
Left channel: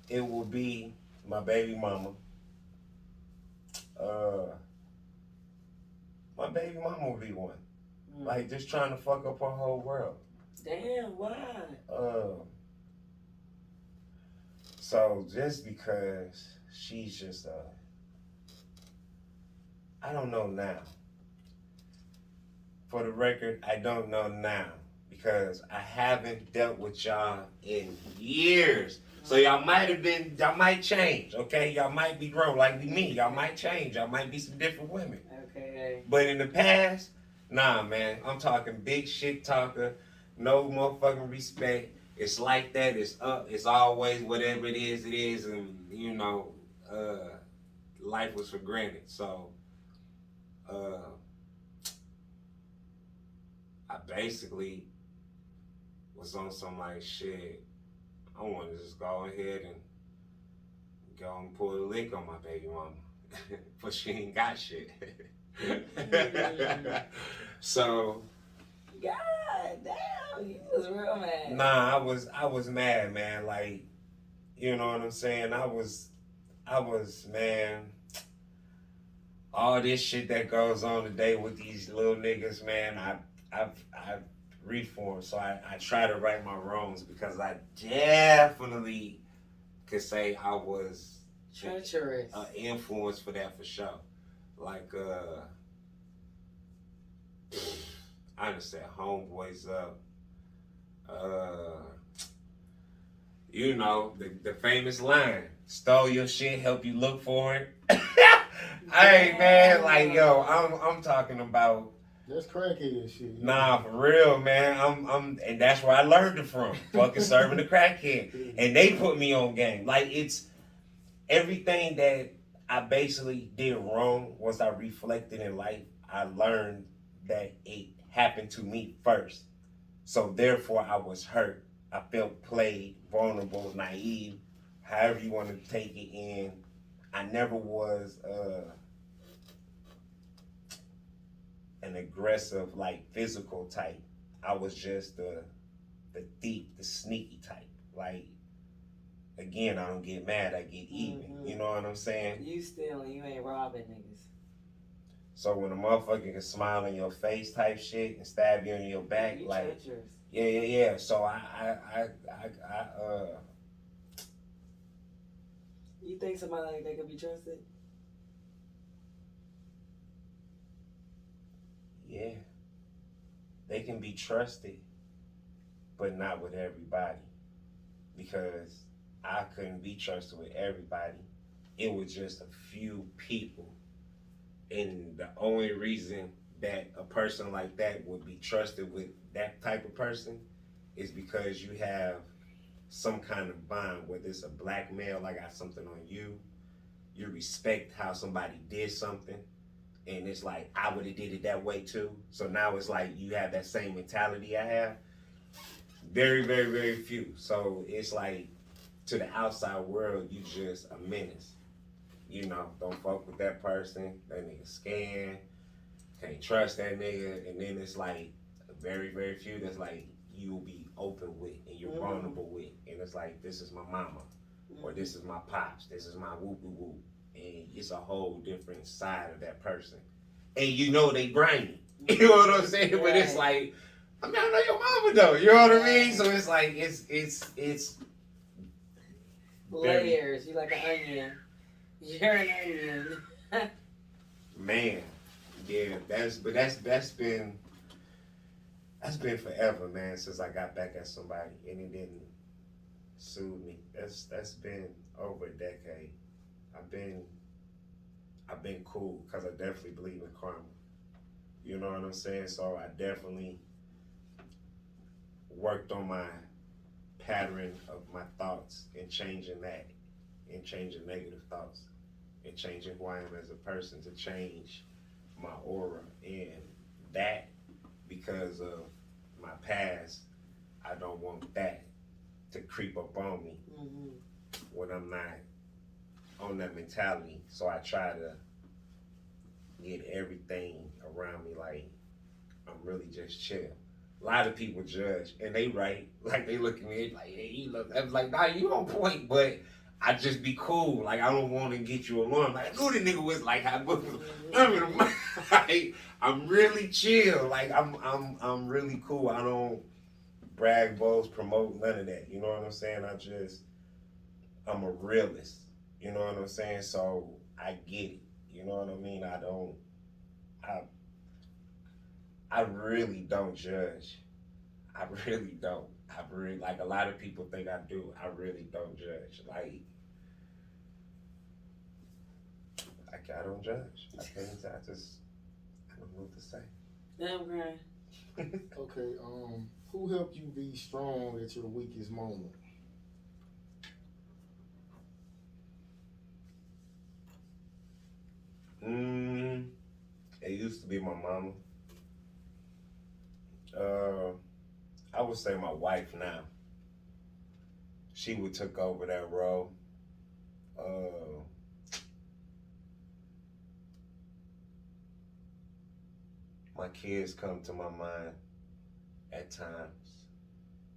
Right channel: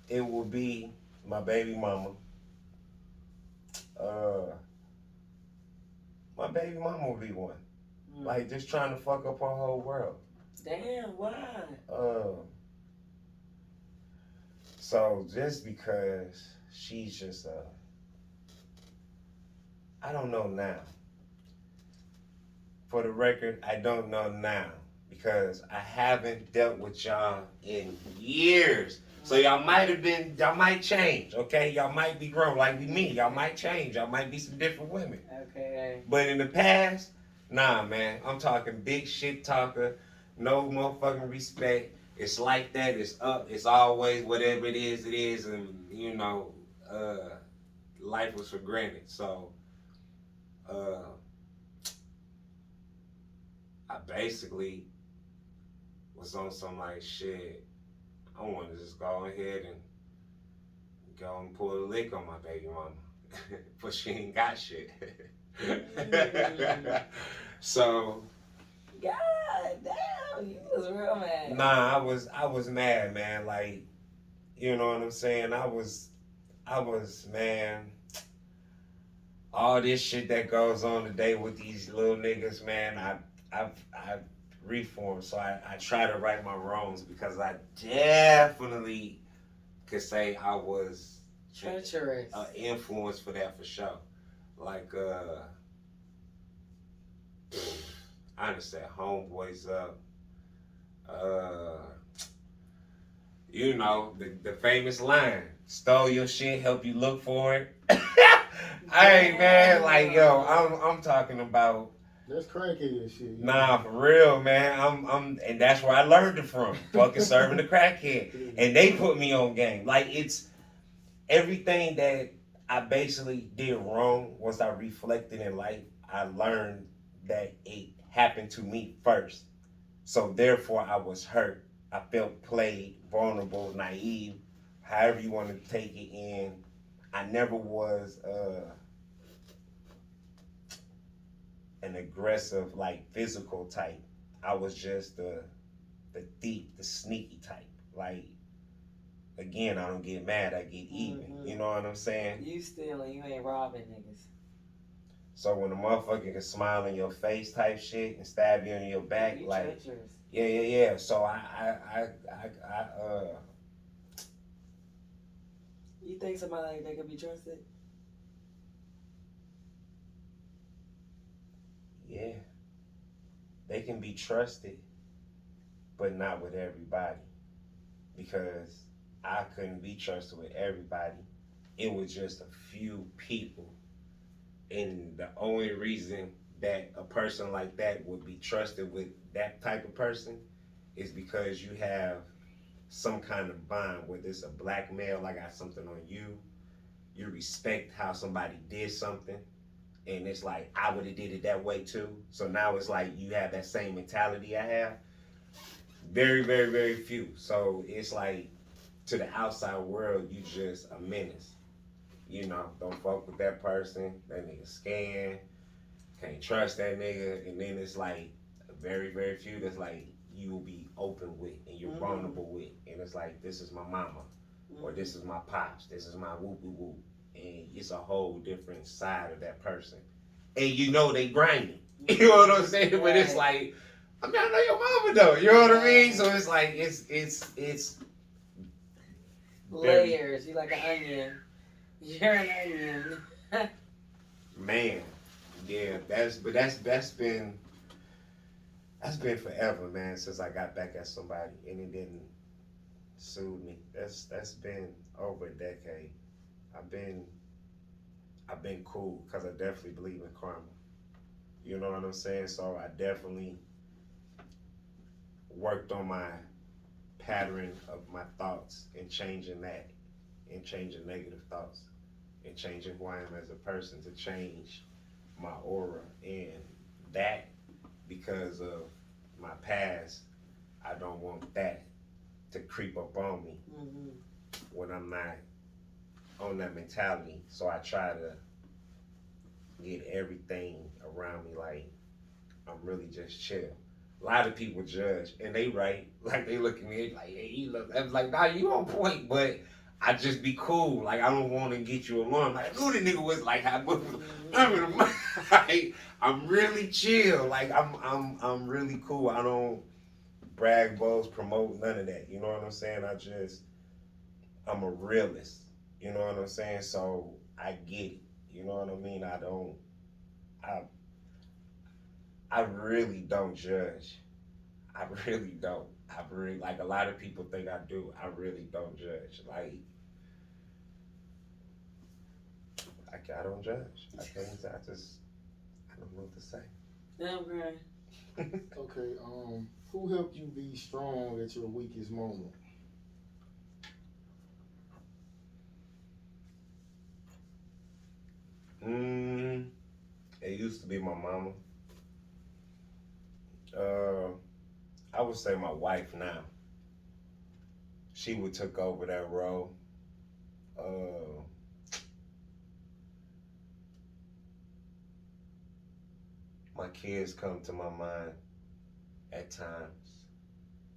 it would be my baby mama. My baby mama would be one. Like, just trying to fuck up her whole world. Damn, why? So just because she's just I don't know now. For the record, I don't know now because I haven't dealt with y'all in years. So y'all might change, okay? Y'all might be grown like me. Y'all might change. Y'all might be some different women. Okay. But in the past, nah, man. I'm talking big shit talker. No motherfucking respect. It's like that. It's up. It's always whatever it is. And, you know, life was for granted. So, I basically was on some like shit. I want to just go ahead and go and pull a lick on my baby mama, but she ain't got shit. So, God damn, you was real mad. nah, I was mad, man. Like, you know what I'm saying? I was, man. All this shit that goes on today with these little niggas, man. I've reformed, so I try to right my wrongs because I definitely could say I was treacherous. Influence for that for sure. Like, I understand homeboys up. You know, the famous line, stole your shit, help you look for it. Hey man, like yo, I'm talking about. That's crackhead shit. Nah, for real, man. And that's where I learned it from. Fucking serving the crackhead, and they put me on game. Like it's everything that I basically did wrong. Once I reflected in life, I learned that it happened to me first. So therefore, I was hurt. I felt played, vulnerable, naive, however you want to take it in. I never was an aggressive, like physical type. I was just the thief, the sneaky type. Like, again, I don't get mad, I get even. You know what I'm saying? You stealing, you ain't robbing niggas. So when a motherfucker can smile in your face type shit and stab you in your back, you like, treacherous. yeah. So I You think somebody like that could be trusted? yeah, they can be trusted, but not with everybody. Because I couldn't be trusted with everybody. It was just a few people. And the only reason that a person like that would be trusted with that type of person is because you have some kind of bond, whether it's a black male, I got something on you, you respect how somebody did something, and it's like, I would have did it that way too. So now it's like you have that same mentality I have. Very, very, very few. So it's like, to the outside world, you just a menace. You know, don't fuck with that person, that nigga scam, can't trust that nigga, and then it's like, very, very few that's like, you will be open with, and you're vulnerable with, and it's like, this is my mama, or this is my pops, this is my whoop-whoop-whoop, and it's a whole different side of that person. And you know they grinding, you know what I'm saying? Right. But it's like, I mean, I know your mama though, you know what I mean? So it's like, it's layers, you like an onion. You're an onion. Man, yeah, that's been forever, man, since I got back at somebody and it didn't soothe me. That's been over a decade. I've been cool because I definitely believe in karma. You know what I'm saying? So I definitely worked on my pattern of my thoughts and changing that, and changing negative thoughts, and changing who I am as a person, to change my aura. And that, because of my past, I don't want that to creep up on me when I'm not on that mentality. So I try to get everything around me like I'm really just chill. A lot of people judge, and they right. Like, they look at me like, hey, you look. I'm like, nah, you on point, but I just be cool. Like, I don't want to get you alarmed. Like, who the nigga was like, I'm really chill. Like, I'm really cool. I don't brag, boast, promote, none of that. You know what I'm saying? I'm a realist. You know what I'm saying? So I get it. You know what I mean? I really don't judge. I really don't. I really, like, a lot of people think I do. I really don't judge. Like, I don't judge. I don't know what to say. Damn, great. Okay, who helped you be strong at your weakest moment? It used to be my mama. I would say my wife now. she would took over that role. My kids come to my mind at times.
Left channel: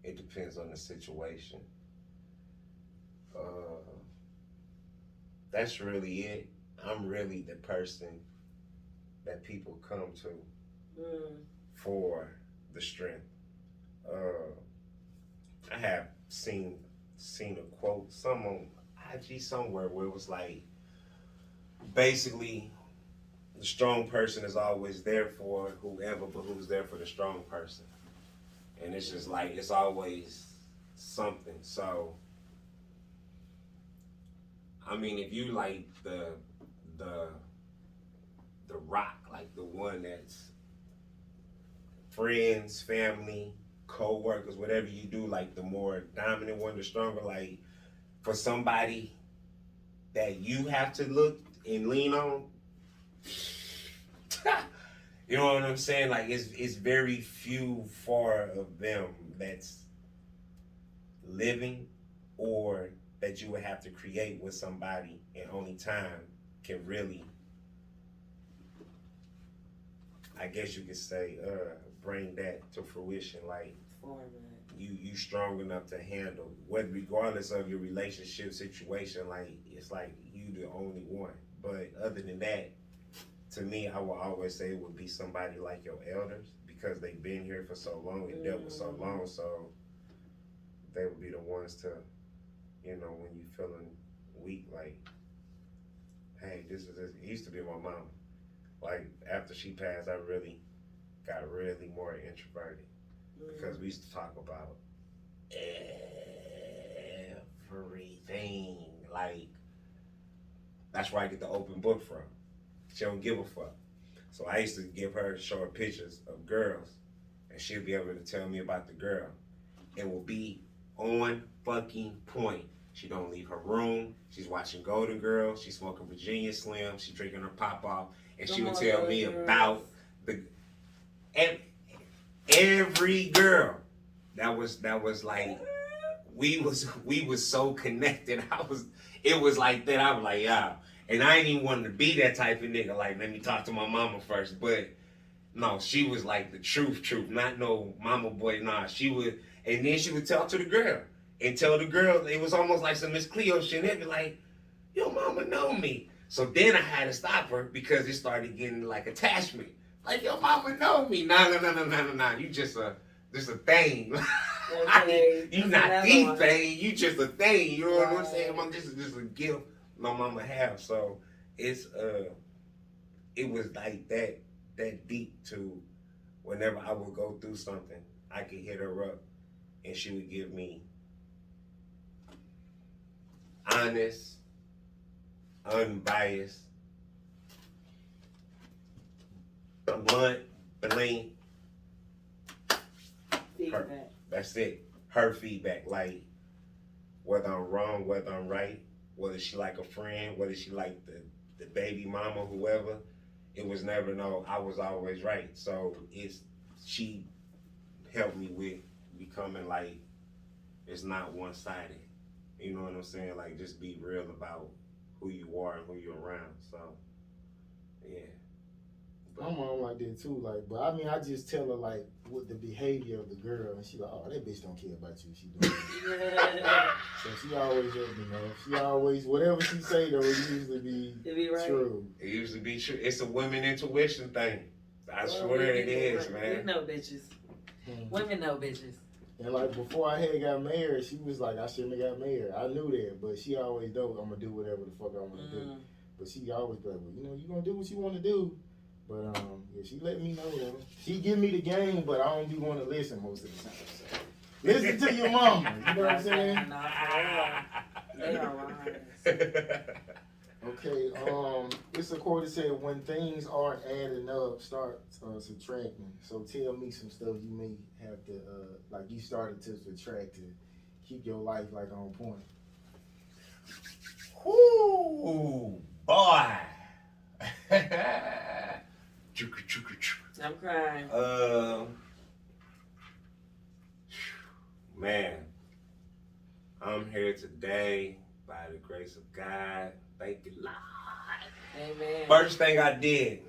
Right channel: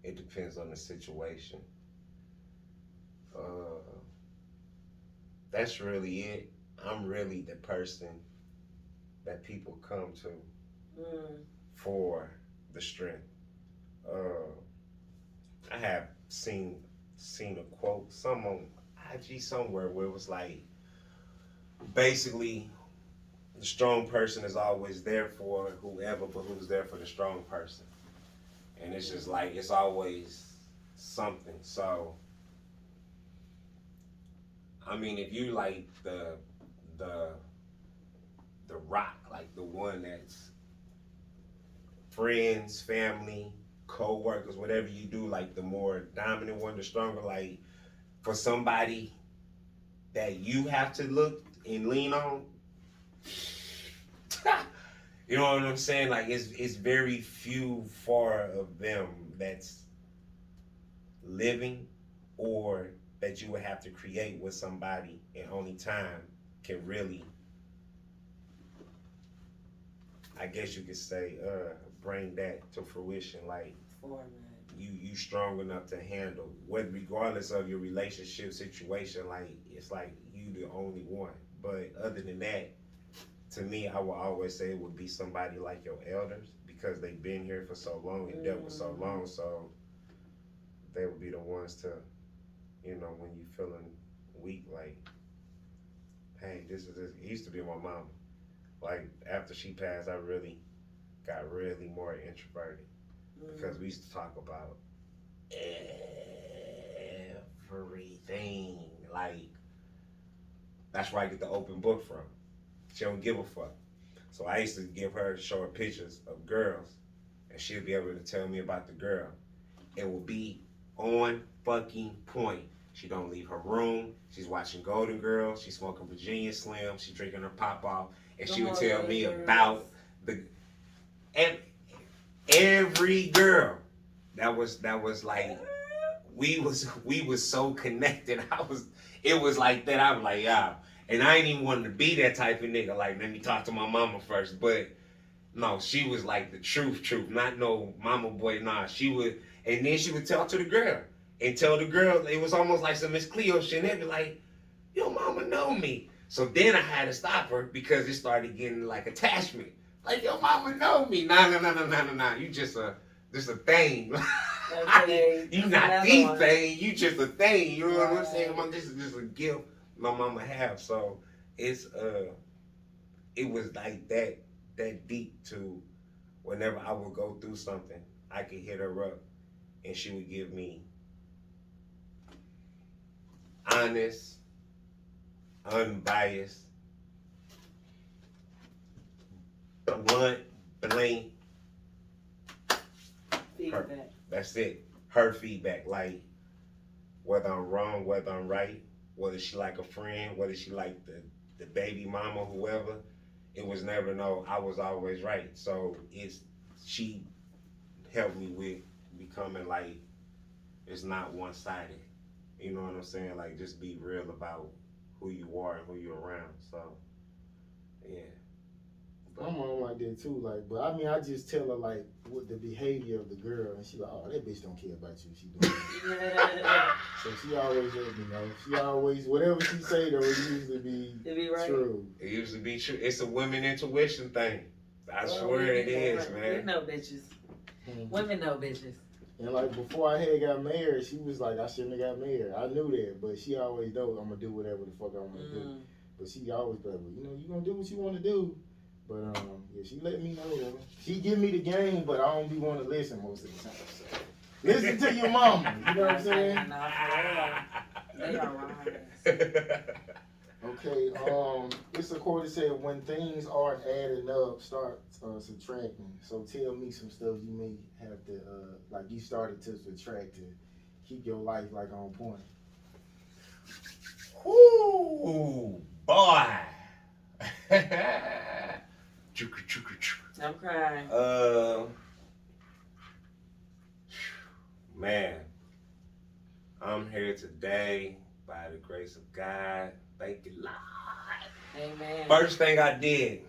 It depends on the situation. That's really it. I'm really the person that people come to for the strength. I have seen a quote, some on IG somewhere, where it was like, basically, the strong person is always there for whoever, but who's there for the strong person. And it's just like, it's always something. So, I mean, if you like the rock, like the one that's friends, family, co-workers, whatever you do, like the more dominant one, the stronger, like for somebody that you have to look and lean on, you know what I'm saying? Like it's very few far of them that's living, or that you would have to create with somebody, and only time can really, I guess you could say, bring that to fruition. Like you strong enough to handle, whether regardless of your relationship situation, like it's like you the only one. But other than that, to me, I will always say it would be somebody like your elders, because they've been here for so long and dealt with so long, so they would be the ones to, you know, when you feeling weak, like, hey, this is it. It used to be my mom. Like after she passed, I really got more introverted, because we used to talk about everything. Like, that's where I get the open book from. She don't give a fuck. So I used to show her pictures of girls, and she'd be able to tell me about the girl. It will be on fucking point. She don't leave her room. She's watching Golden Girls. She's smoking Virginia Slim. She's drinking her Pop-Off. And she would tell me about every girl. That was like, we was so connected. It was like that. I was like, yeah. And I ain't even wanted to be that type of nigga. Like, let me talk to my mama first. But no, she was like the truth. Not no mama boy. Nah, she would. And then she would tell to the girl. And tell the girl, it was almost like some Miss Cleo shit. And they'd be like, your mama know me. So then I had to stop her, because it started getting like attachment. Like, your mama know me. Nah. You just a thing. Okay, you not the thing. You just a thing. You know what I'm saying? This is just a gift my mama have. So it's it was like that deep, to whenever I would go through something, I could hit her up and she would give me honest, unbiased, blunt, blank feedback. That's it. Her feedback, like whether I'm wrong, whether I'm right, whether she like a friend, whether she like the baby mama, whoever. It was never no, I was always right. So she helped me with becoming like, it's not one-sided. You know what I'm saying? Like, just be real about who you are and who you're around. So, yeah. My mom like that too, like, but I mean, I just tell her like what the behavior of the girl, and she like, oh, that bitch don't care about you. She doing it. So she always let me know. She always, whatever she say though, it usually be right. true. It usually be true. It's a women intuition thing. I swear it is, man. We know bitches. Women know bitches. And like before I had got married, she was like, I shouldn't have got married. I knew that, but she always knows I'm gonna do whatever the fuck I want to do. But she always be like, well, you know, you gonna do what you want to do. But yeah, she let me know. She give me the game, but I don't be want to listen most of the time. So. Listen to your mama. You know what I'm saying? They are right. Okay. It's a quote that said, "When things aren't adding up, start subtracting." So tell me some stuff you may have to like you started to subtract to keep your life like on point. Whoo, boy. I'm crying. Man, I'm here today by the grace of God. Thank you, Lord. Amen. First thing I did,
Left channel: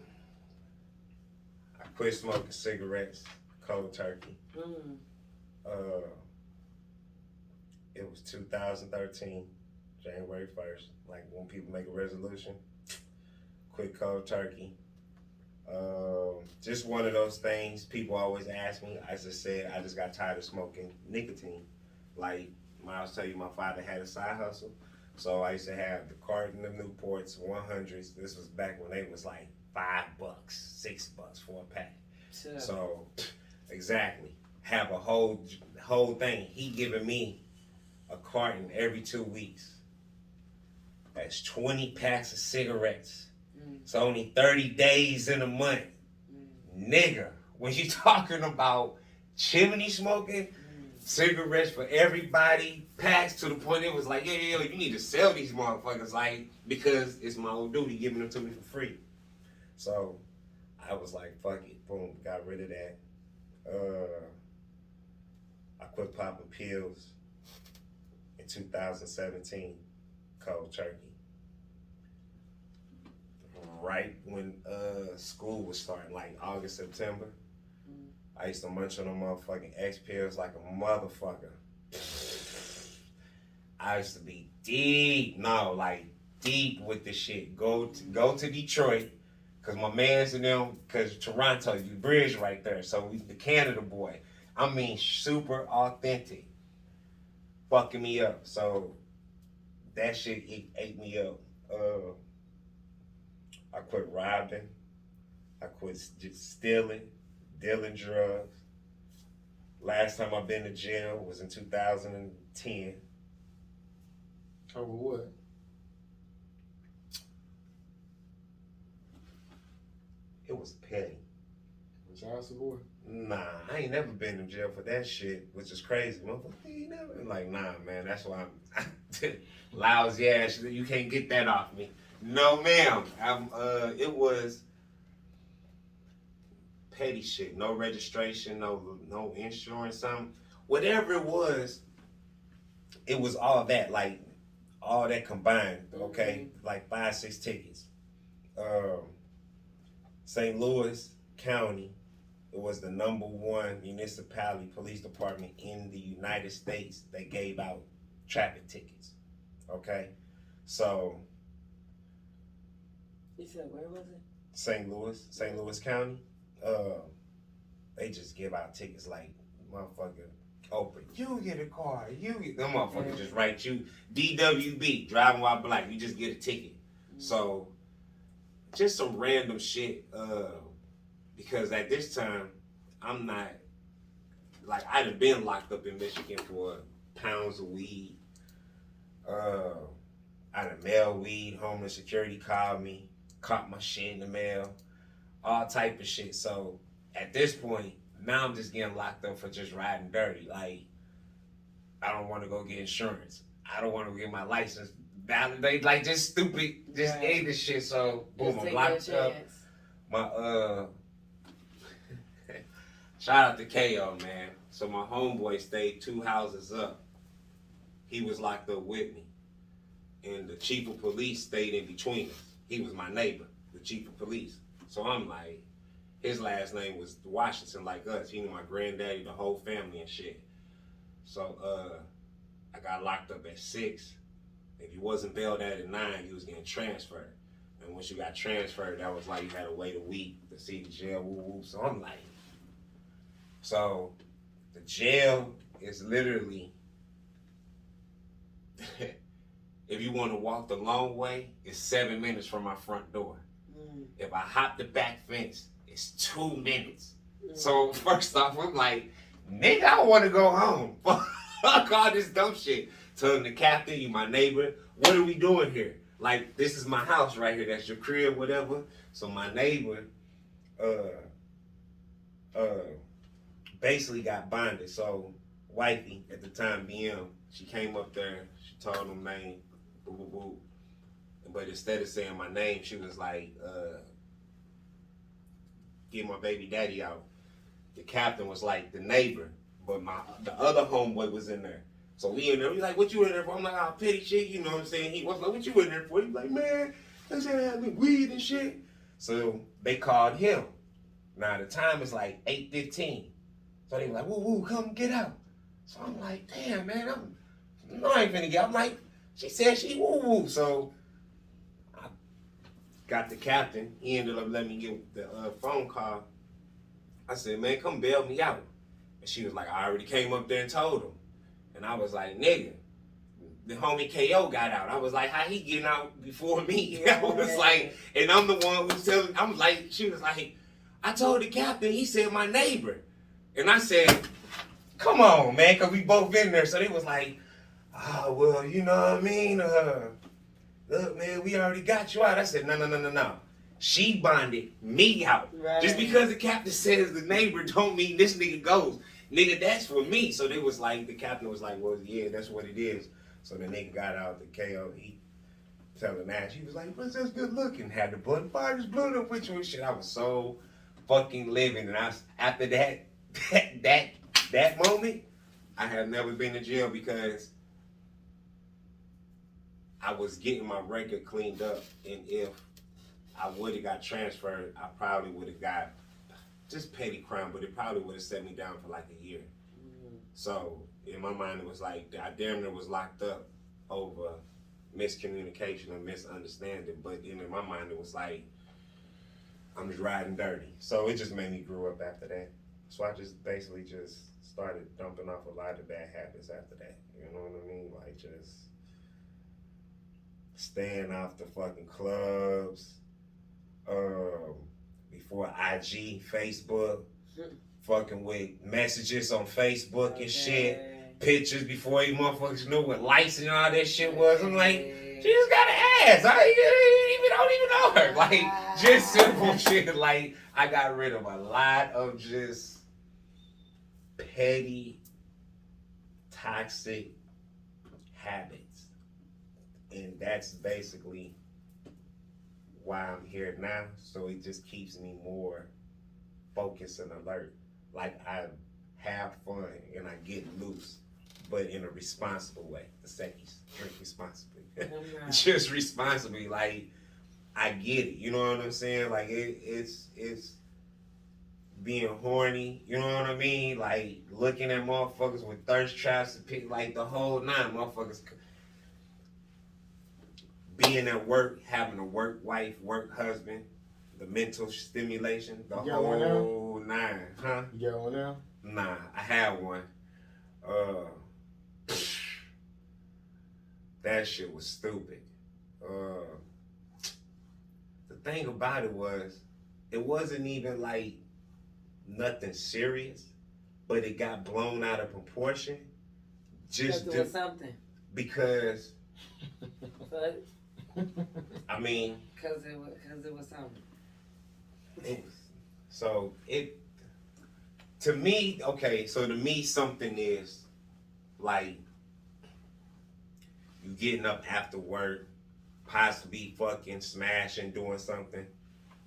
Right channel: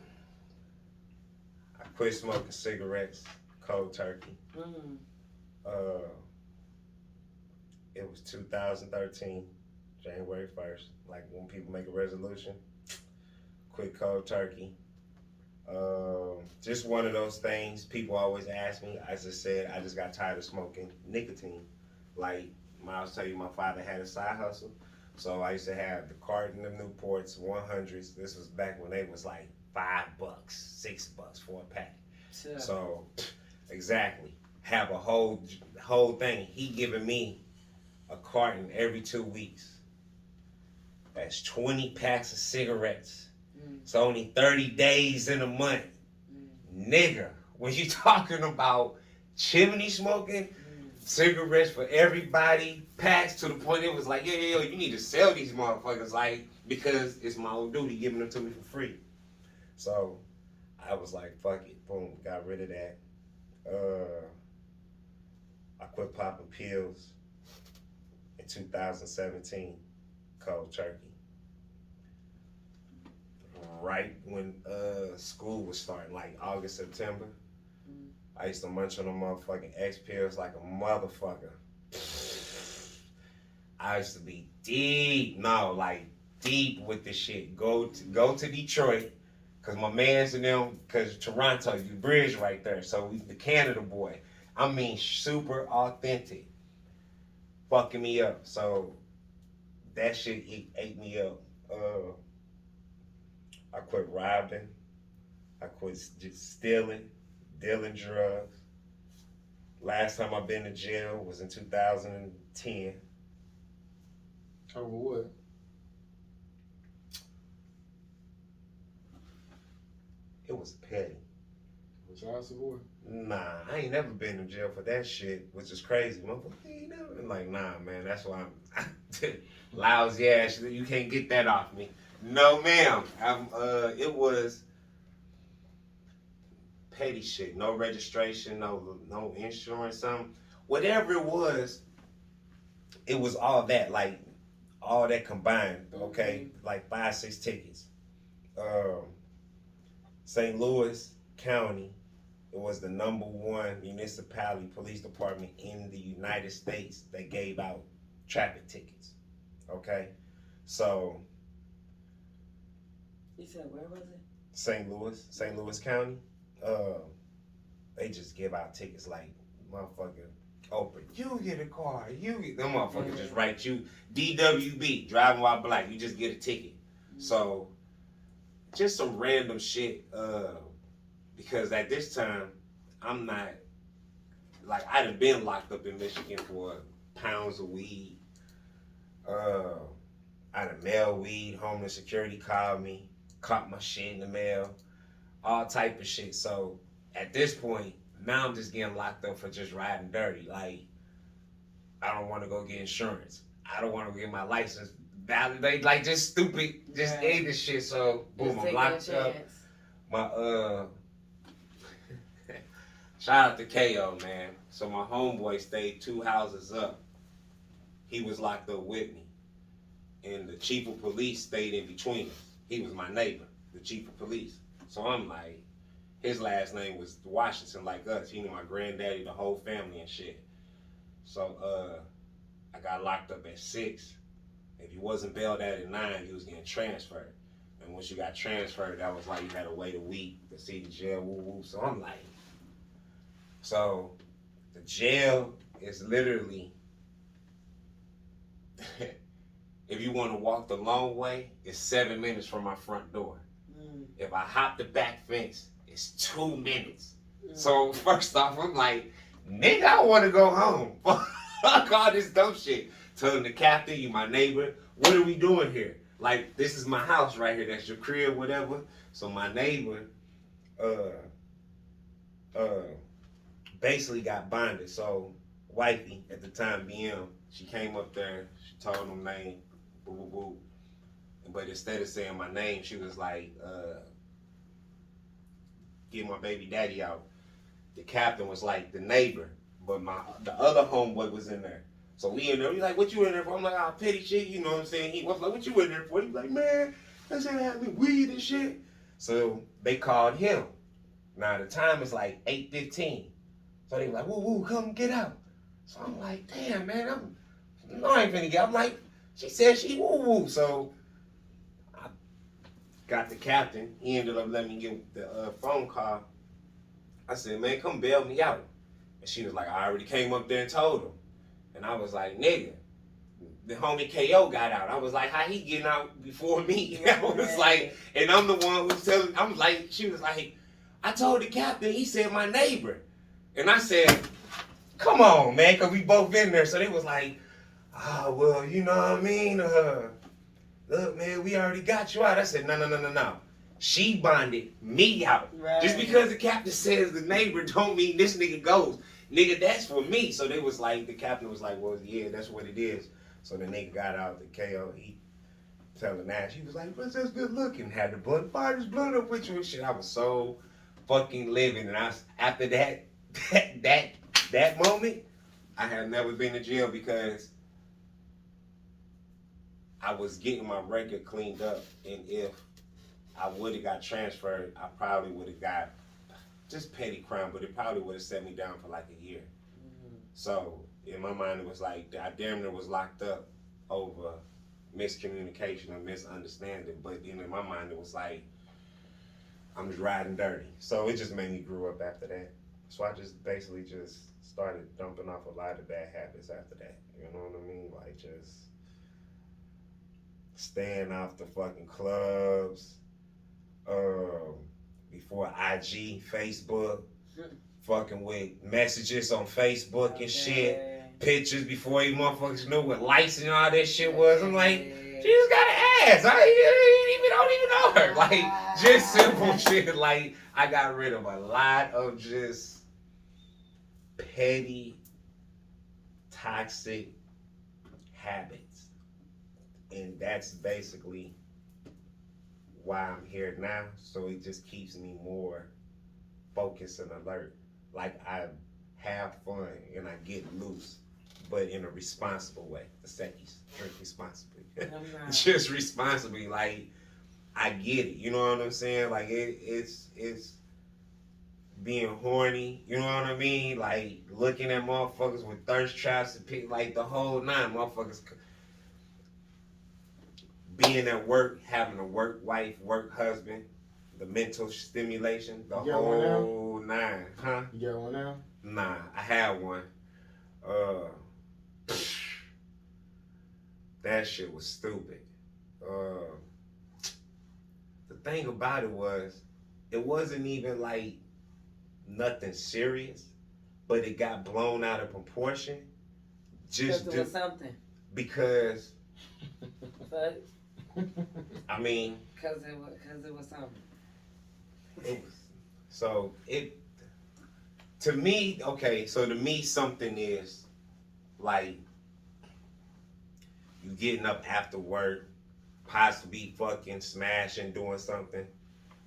I quit smoking cigarettes, cold turkey. It was 2013, January 1st. Like when people make a resolution, quit cold turkey. Just one of those things. People always ask me. I just said I just got tired of smoking nicotine. Like Miles tell you, my father had a side hustle, so I used to have the carton of Newports, 100s. This was back when they was like $5, $6 for a pack. Sure. So exactly, have a whole thing. He giving me a carton every 2 weeks. That's 20 packs of cigarettes. It's only 30 days in a month. Nigga, when you talking about chimney smoking, cigarettes for everybody, packs to the point it was like, yo, you need to sell these motherfuckers, like, because it's my own duty giving them to me for free. So I was like, fuck it, boom, got rid of that. I quit popping pills in 2017, cold turkey. Right when school was starting, like August, September, I used to munch on them motherfucking X pills like a motherfucker. I used to be deep with this shit. Go to Detroit, cause my man's in them, cause Toronto, you bridge right there. So we the Canada boy. I mean, super authentic, fucking me up. So that shit ate me up. I quit robbing. I quit just stealing, dealing drugs. Last time I've been to jail was in 2010. Over what? It was petty. Child support? Nah, I ain't never been to jail for that shit, which is crazy. Motherfucker, you ain't never been like, nah, man, that's why I'm lousy ass. You can't get that off me. No, ma'am. It was petty shit. No registration, no insurance, something. Whatever it was all that, like, all that combined, okay? Like 5, 6 tickets. St. Louis County, it was the #1 municipality police department in the United States that gave out traffic tickets, okay? So, you said where was it? St. Louis County. They just give out tickets like motherfucker. Open. You get a car. Them motherfuckers just write you DWB, driving while black. You just get a ticket. So just some random shit. Because at this time, I'm not like I done been locked up in Michigan for pounds of weed. I done mail weed. Homeland Security called me, caught my shit in the mail, all type of shit. So at this point, now I'm just getting locked up for just riding dirty. Like, I don't want to go get insurance. I don't want to get my license validated. Like, just stupid, just ignorant shit. So, boom, I'm locked up. My, shout out to KO, man. So my homeboy stayed 2 houses up. He was locked up with me. And the chief of police stayed in between us. He was my neighbor, the chief of police. So I'm like, his last name was Washington, like us. He knew my granddaddy, the whole family and shit. So I got locked up at 6. If you wasn't bailed out at 9, you was getting transferred. And once you got transferred, that was like you had to wait a week to see the jail, woo woo. So I'm like, so the jail is literally, if you want to walk the long way, it's 7 minutes from my front door. If I hop the back fence, it's 2 minutes. So first off, I'm like, nigga, I want to go home. Fuck all this dumb shit. Telling the captain, you my neighbor, what are we doing here? Like, this is my house right here. That's your crib, whatever. So my neighbor, basically got bonded. So wifey at the time, BM, she came up there. She told him name, boo boo boo. But instead of saying my name, she was like, get my baby daddy out. The captain was like the neighbor, but the other homeboy was in there. So we in there, we like, what you in there for? I'm like, oh, petty shit, you know what I'm saying? He was like, what you in there for? He's like, man, they said they had me weed and shit. So they called him. Now the time is like 8:15. So they were like, woo, come get out. So I'm like, damn, man, I ain't finna get out. I'm like, she said she woo. So I got the captain. He ended up letting me get the phone call. I said, man, come bail me out. And she was like, I already came up there and told him. And I was like, nigga, the homie KO got out. I was like, how he getting out before me? I was like, and I'm the one who's telling, I'm like, she was like, I told the captain, he said my neighbor. And I said, come on, man, because we both been there. So they was like, oh, well, you know what I mean? Look, man, we already got you out. I said, no. She bonded me out. Right. Just because the captain says the neighbor don't mean this nigga goes. Nigga, that's for me. So they was like, the captain was like, well, yeah, that's what it is. So the nigga got out the KO. He telling Nash, he was like, what's this good looking? Had the blood fighters blood up with you and shit. I was so fucking living. And after that moment, I had never been to jail because I was getting my record cleaned up. And if I would have got transferred, I probably would have got just petty crime, but it probably would have set me down for like a year. Mm-hmm. So in my mind, it was like I damn near was locked up over miscommunication or misunderstanding. But then in my mind, it was like I'm just riding dirty. So it just made me grow up after that. So I just basically just started dumping off a lot of bad habits after that. You know what I mean? Like just staying off the fucking clubs. Before IG, Facebook, fucking with messages on Facebook and shit, pictures before you motherfuckers knew what lights and all that shit was. I'm like, she just got an ass. I don't even know her. Like, just simple shit. Like, I got rid of a lot of just petty, toxic habits. And that's basically why I'm here now, so it just keeps me more focused and alert. Like I have fun and I get loose, but in a responsible way. The second, drink responsibly. Just responsibly, like I get it. You know what I'm saying? Like it's being horny. You know what I mean? Like looking at motherfuckers with thirst traps and pick like the whole nine motherfuckers. Being at work, having a work wife, work husband, the mental stimulation, the whole nine, huh? You got one now? Nah, I had one. That shit was stupid. The thing about it wasn't even like nothing serious, but it got blown out of proportion. Just because it was something. Because. But. I mean, because it was something. To me, something is like you getting up after work, possibly fucking smashing, doing something.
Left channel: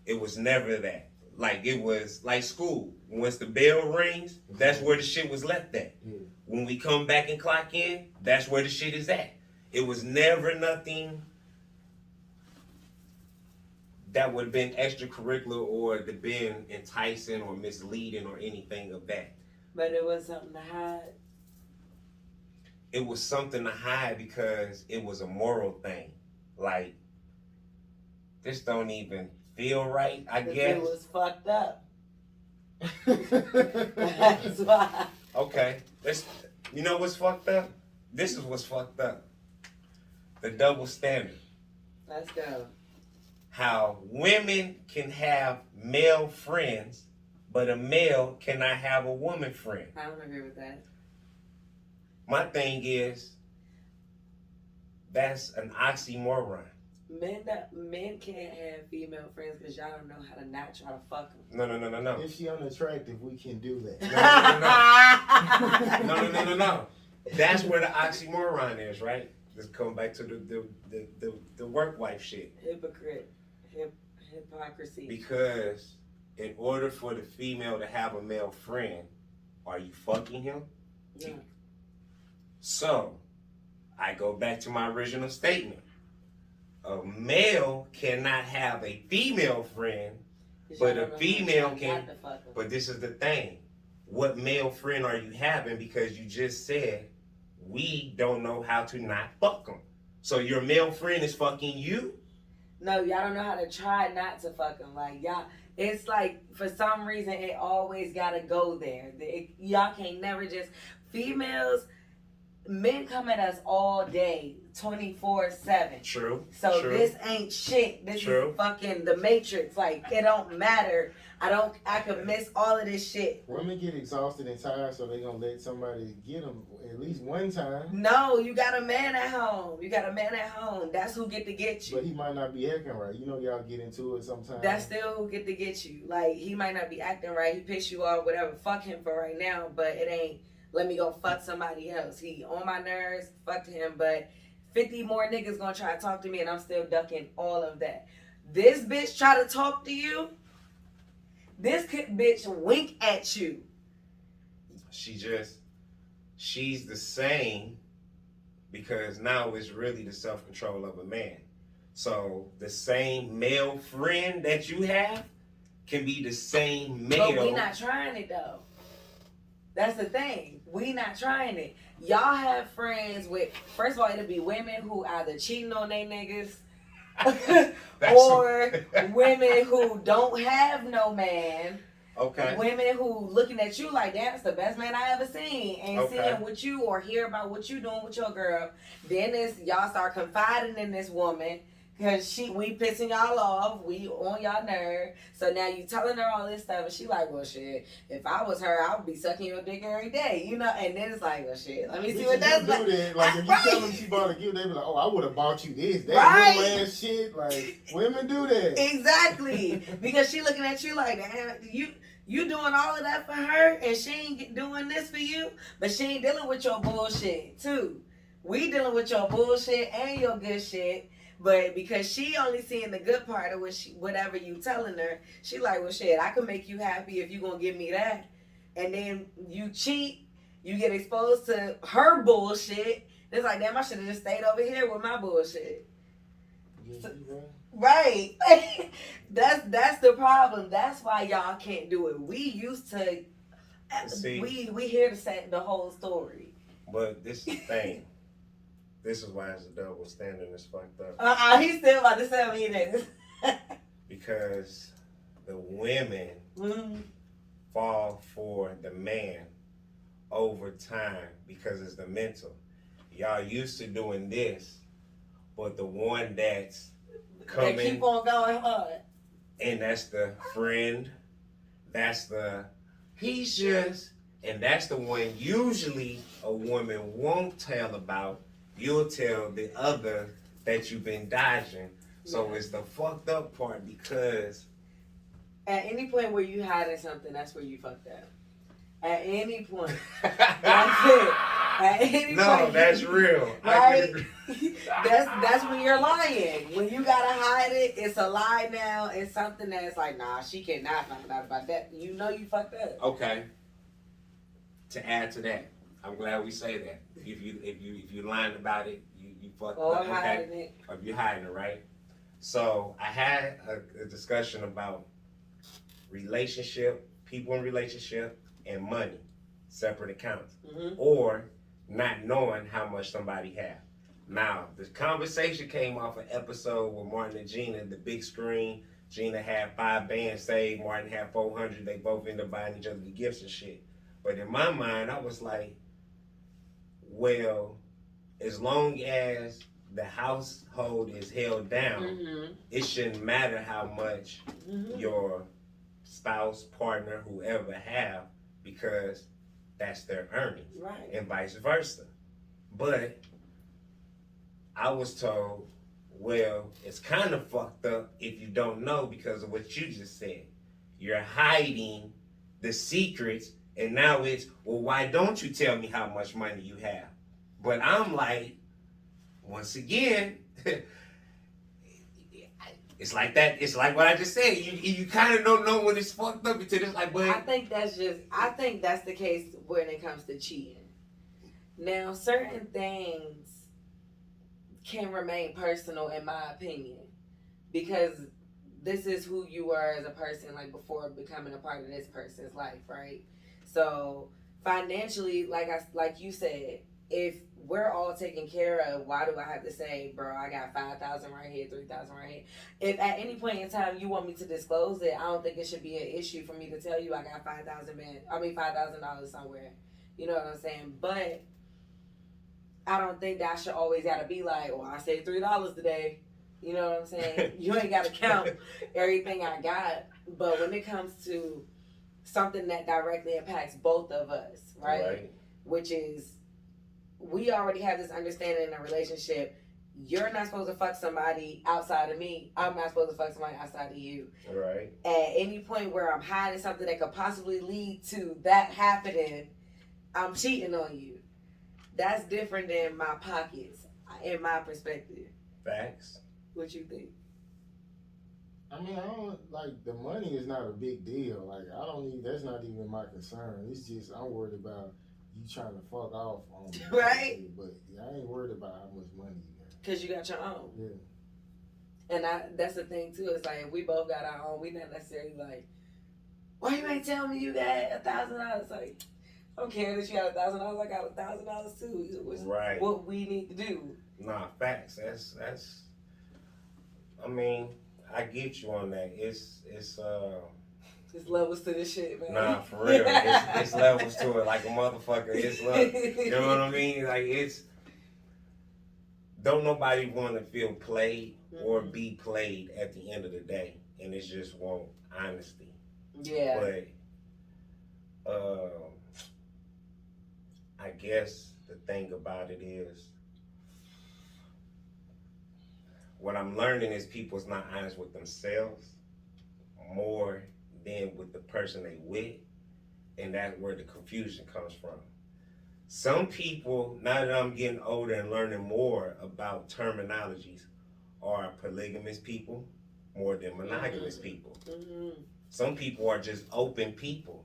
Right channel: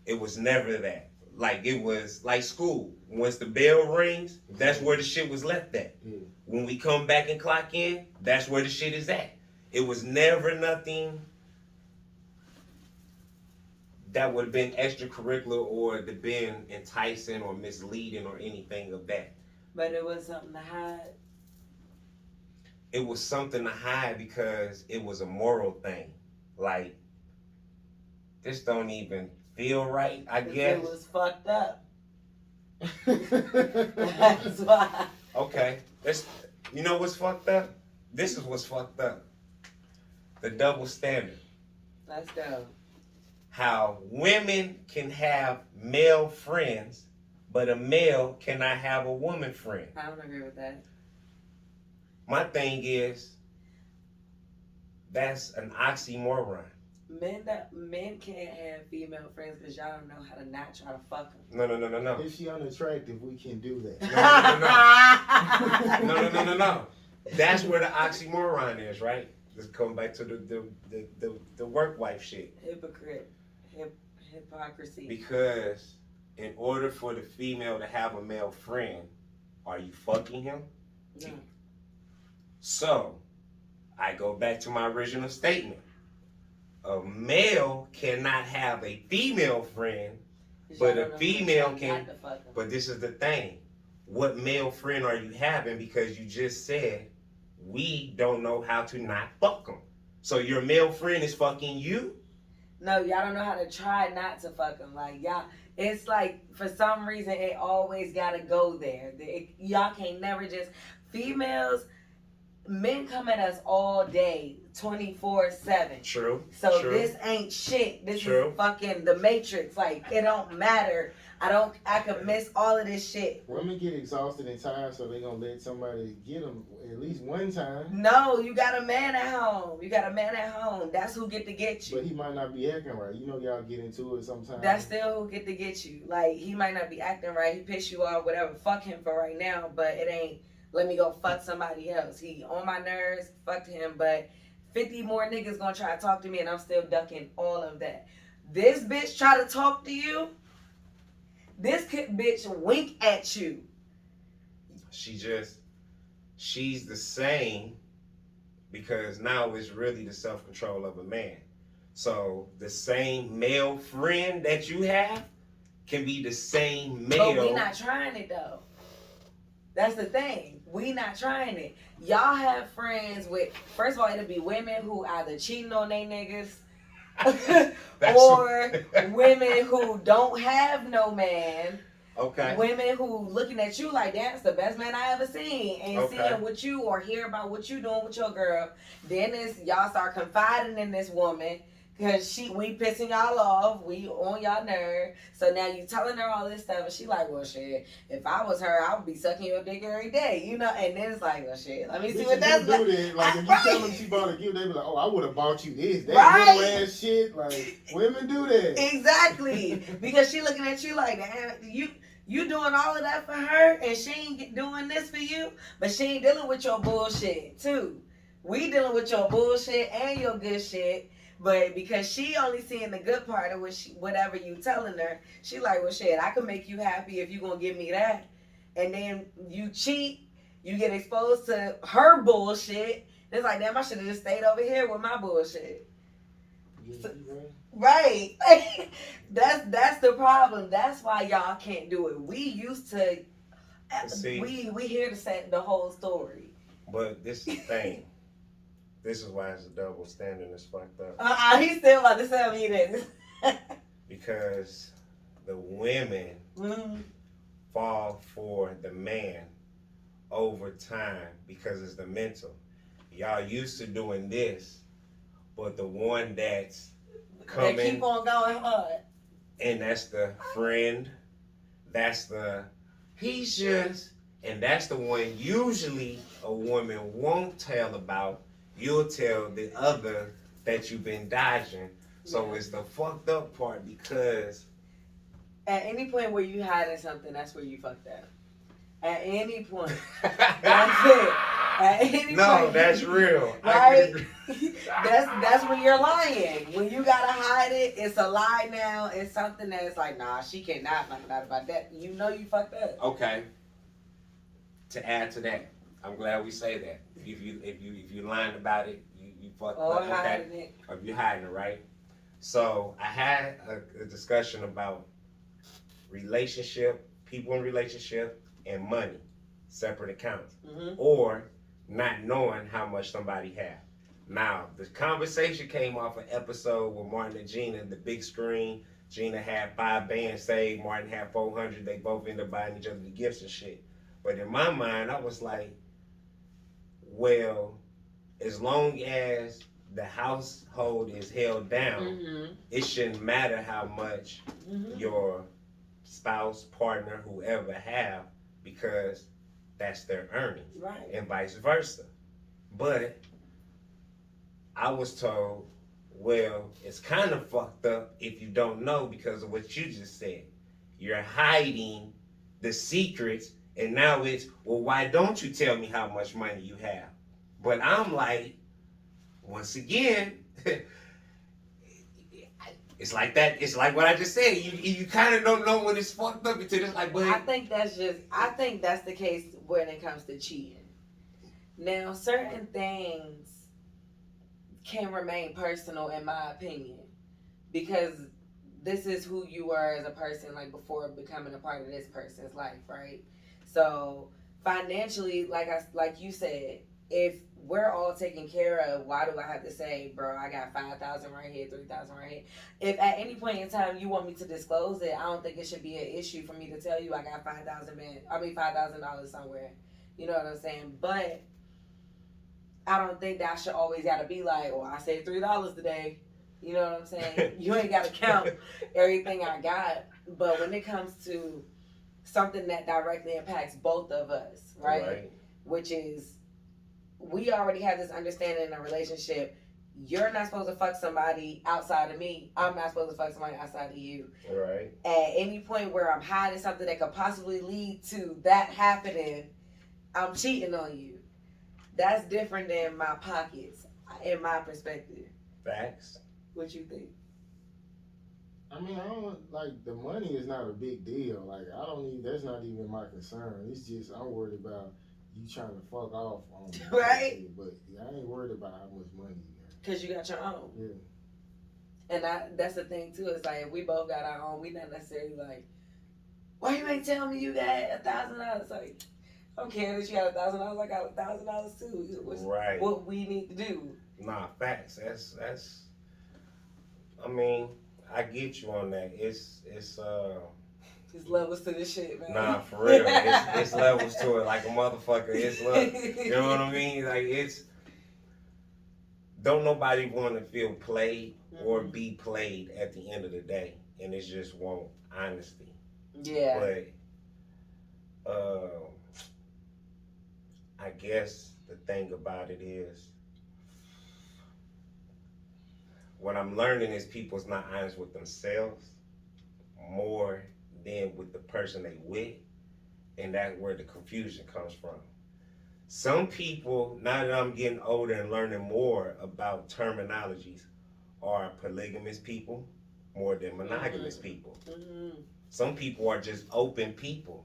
It was never that. Like it was like school. Once the bell rings, that's where the shit was left at. Yeah. When we come back and clock in, that's where the shit is at. It was never nothing that would have been extracurricular or been enticing or misleading or anything of that. But it was something to hide? It was something to hide because it was a moral thing. Like, this don't even feel right, I guess. It was fucked up. That's why. Okay. You know what's fucked up? This is what's fucked up. The double standard. Let's go. How women can have male friends, but a male cannot have a woman friend. I don't agree with that. My thing is, that's an oxymoron. Men can't have female friends because y'all don't know how to not try to fuck them. No. If she unattractive, we can do that. No. That's where the oxymoron is, right? Let's come back to the work wife shit. Hypocrisy. Because in order for the female to have a male friend, are you fucking him? No. So, I go back to my original statement. A male cannot have a female friend, but a female can. But this is the thing. What male friend are you having? Because you just said we don't know how to not fuck them. So your male friend is fucking you? No, y'all don't know how to try not to fuck them. Like, y'all, it's like, for some reason, it always gotta go there. Y'all can't never just, females, men come at us all day, 24/7. True. So true. This ain't shit. This True. is fucking the Matrix. Like, it don't matter. I could miss all of this shit. Women get exhausted and tired, so they gonna let somebody get them at least one time. No, you got a man at home. That's who get to get you. But he might not be acting right. You know, y'all get into it sometimes. That's still who get to get you. Like, he might not be acting right. He pissed you off, whatever. Fuck him for right now. But it ain't, let me go fuck somebody else. He on my nerves. Fucked him. But 50 more niggas gonna try to talk to me, and I'm still ducking all of that. This bitch try to talk to you. This bitch wink at you. She's the same, because now it's really the self-control of a man. So the same male friend that you have can be the same male. But we not trying it though. That's the thing. We not trying it. Y'all have friends with, first of all, it'll be women who either cheating on their niggas or women who don't have no man. Okay. Women who looking at you like, that's the best man I ever seen, and seeing what you or hear about what you doing with your girl. Then y'all start confiding in this woman because we pissing y'all off, we on y'all nerve. So now you telling her all this stuff, and she like, well, shit, if I was her, I would be sucking your dick every day, you know. And then it's like, well, shit, let me see what that's like. Like, if you tell them she bought a gift, they be like, oh, I would have bought you this. That right. little ass shit. Like, women do that. Exactly. Because she looking at you like, damn, you doing all of that for her, and she ain't doing this for you, but she ain't dealing with your bullshit too. We dealing with your bullshit and your good shit, but because she only seeing the good part of whatever you telling her, she like, well, shit, I can make you happy if you gonna give me that. And then you cheat, you get exposed to her bullshit. It's like, damn, I should have just stayed over here with my bullshit. Right. That's the problem. That's why y'all can't do it. We used to. See, we here to say the whole story. But this is the thing. This is why it's a double standard. It's fucked up. He's still about to tell me this. Because the women fall for the man over time because it's the mental. Y'all used to doing this, but the one that's coming, they keep on going hard. And that's the friend. That's the he's just, and that's the one usually a woman won't tell about. You'll tell the other that you've been dodging. So it's the fucked up part, because at any point where you hiding something, that's where you fucked up. At any point. That's it. At any point. No, that's real. Right? That's when you're lying. When you gotta hide it, it's a lie now. It's something that's like, nah, she cannot find out about that. You know you fucked up. Okay. To add to that, I'm glad we say that. If you lying about it, you fucked up. Or hiding it. Or you hiding it, right? So I had a discussion about relationship, people in relationship, and money, separate accounts, or not knowing how much somebody has. Now, the conversation came off an episode with Martin and Gina, the big screen. Gina had 5 bands saved, Martin had 400. They both ended up buying each other the gifts and shit. But in my mind, I was like, well, as long as the household is held down, it shouldn't matter how much your spouse, partner, whoever have, because that's their earnings, right? And vice versa. But I was told, well, it's kind of fucked up if you don't know because of what you just said. You're hiding the secrets, and now it's, well, why don't you tell me how much money you have? But I'm like, once again, it's like that. It's like what I just said. You kind of don't know when it's fucked up until it's like, but I think that's the case when it comes to cheating. Now, certain things can remain personal, in my opinion, because this is who you are as a person, like before becoming a part of this person's life, right? So financially, like you said, if we're all taken care of, why do I have to say, bro, I got 5,000 right here, 3,000 right here? If at any point in time you want me to disclose it, I don't think it should be an issue for me to tell you I got $5,000 somewhere. You know what I'm saying? But I don't think that should always gotta be like, well, I saved $3 today. You know what I'm saying? You ain't gotta count everything I got. But when it comes to something that directly impacts both of us, right? Which is, we already have this understanding in a relationship. You're not supposed to fuck somebody outside of me. I'm not supposed to fuck somebody outside of you. Right. At any point where I'm hiding something that could possibly lead to that happening, I'm cheating on you. That's different than my pockets, in my perspective. Facts. What you think? I mean, I don't like, the money is not a big deal. Like, I don't need, that's not even my concern. It's just, I'm worried about you trying to fuck off on me. Right. But I ain't worried about how much money you got. Because you got your own. Yeah. And that's the thing, too. It's like, if we both got our own, we not necessarily like, why you ain't tell me you got $1,000? Like, I don't care that you got $1,000. I got $1,000 too. Right. What we need to do. Nah, facts. That's. I mean, I get you on that. It's levels to this shit, man. Nah, for real. It's levels to it, like a motherfucker. It's you know what I mean? Like, it's, don't nobody want to feel played or be played at the end of the day, and it's just want honesty. Yeah. But I guess the thing about it is, what I'm learning is people's not honest with themselves more than with the person they with, and that's where the confusion comes from. Some people, now that I'm getting older and learning more about terminologies, are polygamous people more than monogamous people. Some people are just open people,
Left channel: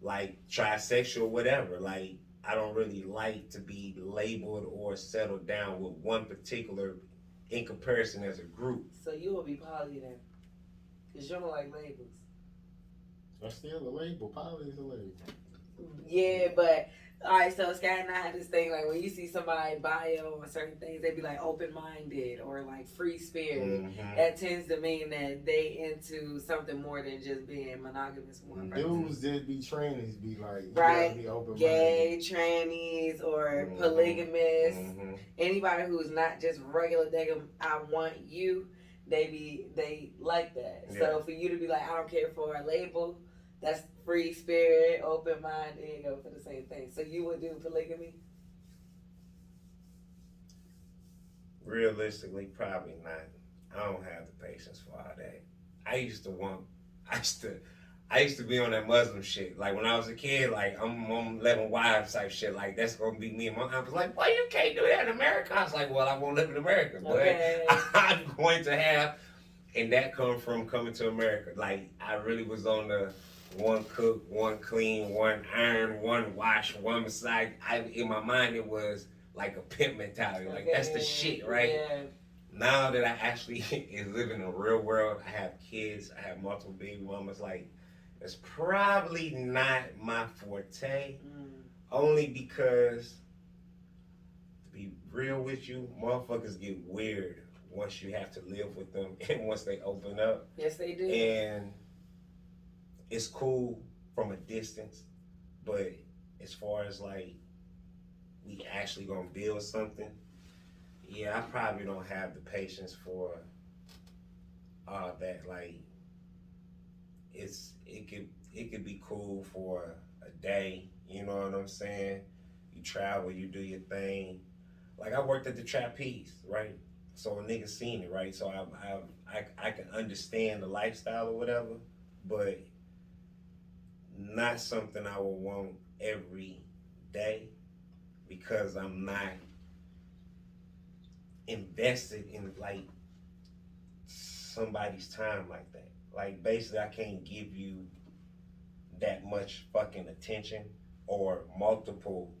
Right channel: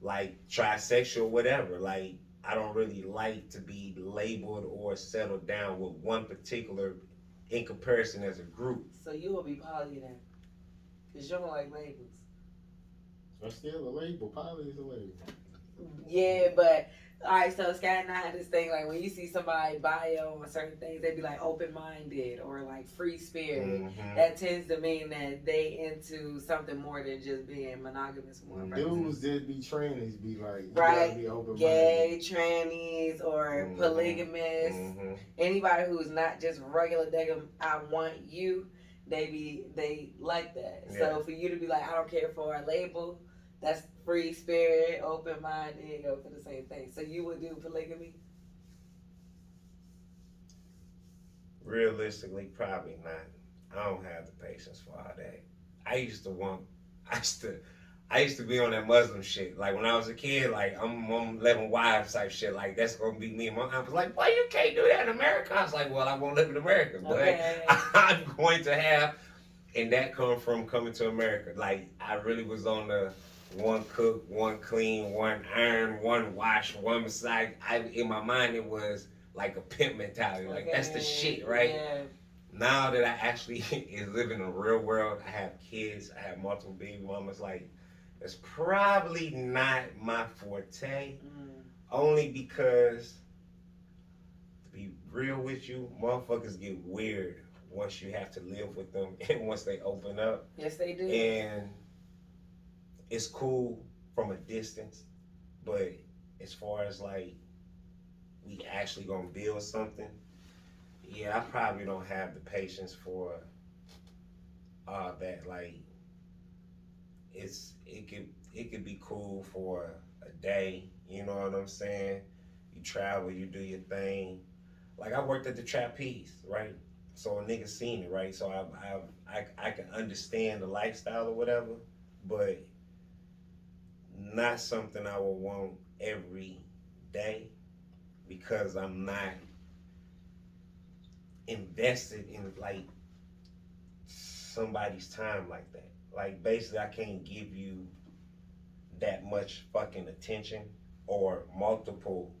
like trisexual, whatever. Like, I don't really like to be labeled or settled down with one particular in comparison as a group. So you will be poly then, because you don't like labels. That's still a label. Poly is a label. Yeah, but alright, so Scott and I had this thing, like, when you see somebody bio on certain things, they be like open-minded or like free spirit. That tends to mean that they into something more than just being monogamous with one person. Dudes that be trannies be like, right, be open-minded. Gay, trannies, or polygamous. Anybody who's not just regular, I want you, they like that. Yeah. So for you to be like, I don't care for a label, that's free spirit, open minded, go for the same thing. So you would do polygamy? Realistically, probably not. I don't have the patience for all that. I used to be on that Muslim shit. Like, when I was a kid, like, I'm 11 wives type shit. Like, that's gonna be me. And my aunt was like, "Why you can't do that in America?" I was like, "Well, I won't live in America, but Okay. I'm going to have." And that come from coming to America. Like, I really was on the one cook, one clean, one iron, one wash, one massage. In my mind, it was like a pimp mentality. Like, that's the shit, right? Yeah. Now that I actually is living in the real world, I have kids, I have multiple baby mamas. Like, it's probably not my forte. Only because, to be real with you, motherfuckers get weird once you have to live with them and once they open up. Yes, they do. And it's cool from a distance, but as far as like, we actually gonna build something, yeah, I probably don't have the patience for all that. Like, it could be cool for a day, you know what I'm saying? You travel, you do your thing. Like, I worked at the trapeze, right? So a nigga seen it, right? So I can understand the lifestyle or whatever, but not something I would want every day, because I'm not invested in like somebody's time like that. Like, basically, I can't give you that much fucking attention or multiple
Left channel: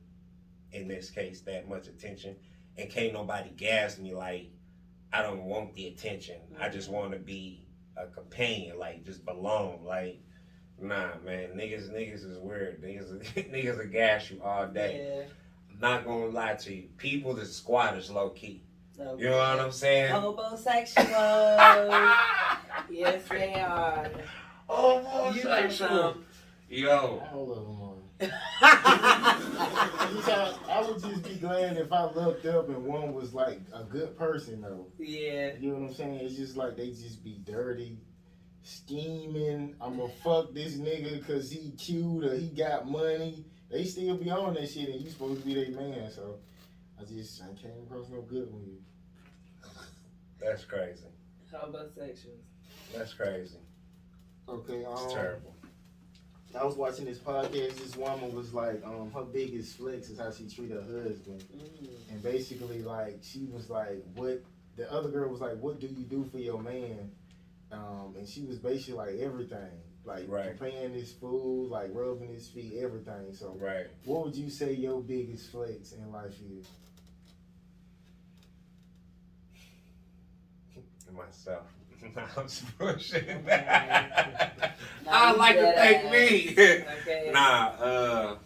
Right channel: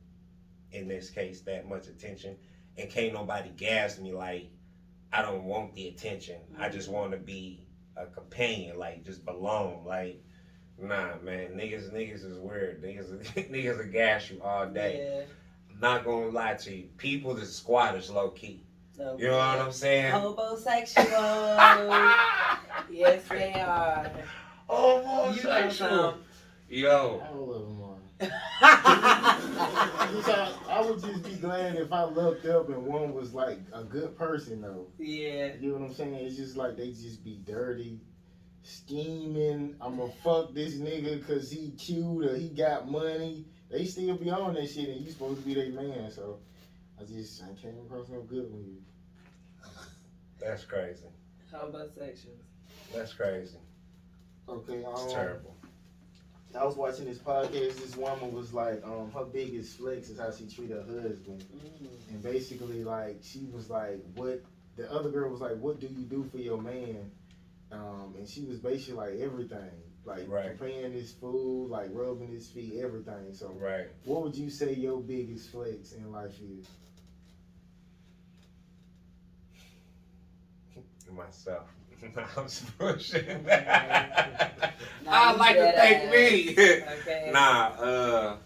in this case, that much attention, and can't nobody gas me like I don't want the attention. I just want to be a companion, like just belong. Like, nah, man, niggas is weird. Niggas will gas you all day. Yeah. I'm not gonna lie to you. People is squatters, low key. Okay. You know what I'm saying? Homosexuals. Yes, they are. Homosexual. Yo. I don't love them all. I would just be glad if I looked up and one was like a good person though. Yeah. You know what I'm saying? It's just like they just be dirty, scheming. I'ma fuck this nigga cause he cute or he got money. They still be on that shit and you supposed to be their man. So I came across no good with you. That's crazy. Homosexuals. That's crazy. Okay, It's terrible. I was watching this podcast. This woman was like, her biggest flex is how she treated her husband, and basically, like, she was like, "What?" The other girl was like, "What do you do for your man?" And she was basically like everything, like preparing his food, like rubbing his feet, everything. So, what would you say your biggest flex in life is? Myself. I'm just bullshitting. I you like to thank me. Okay. Nah,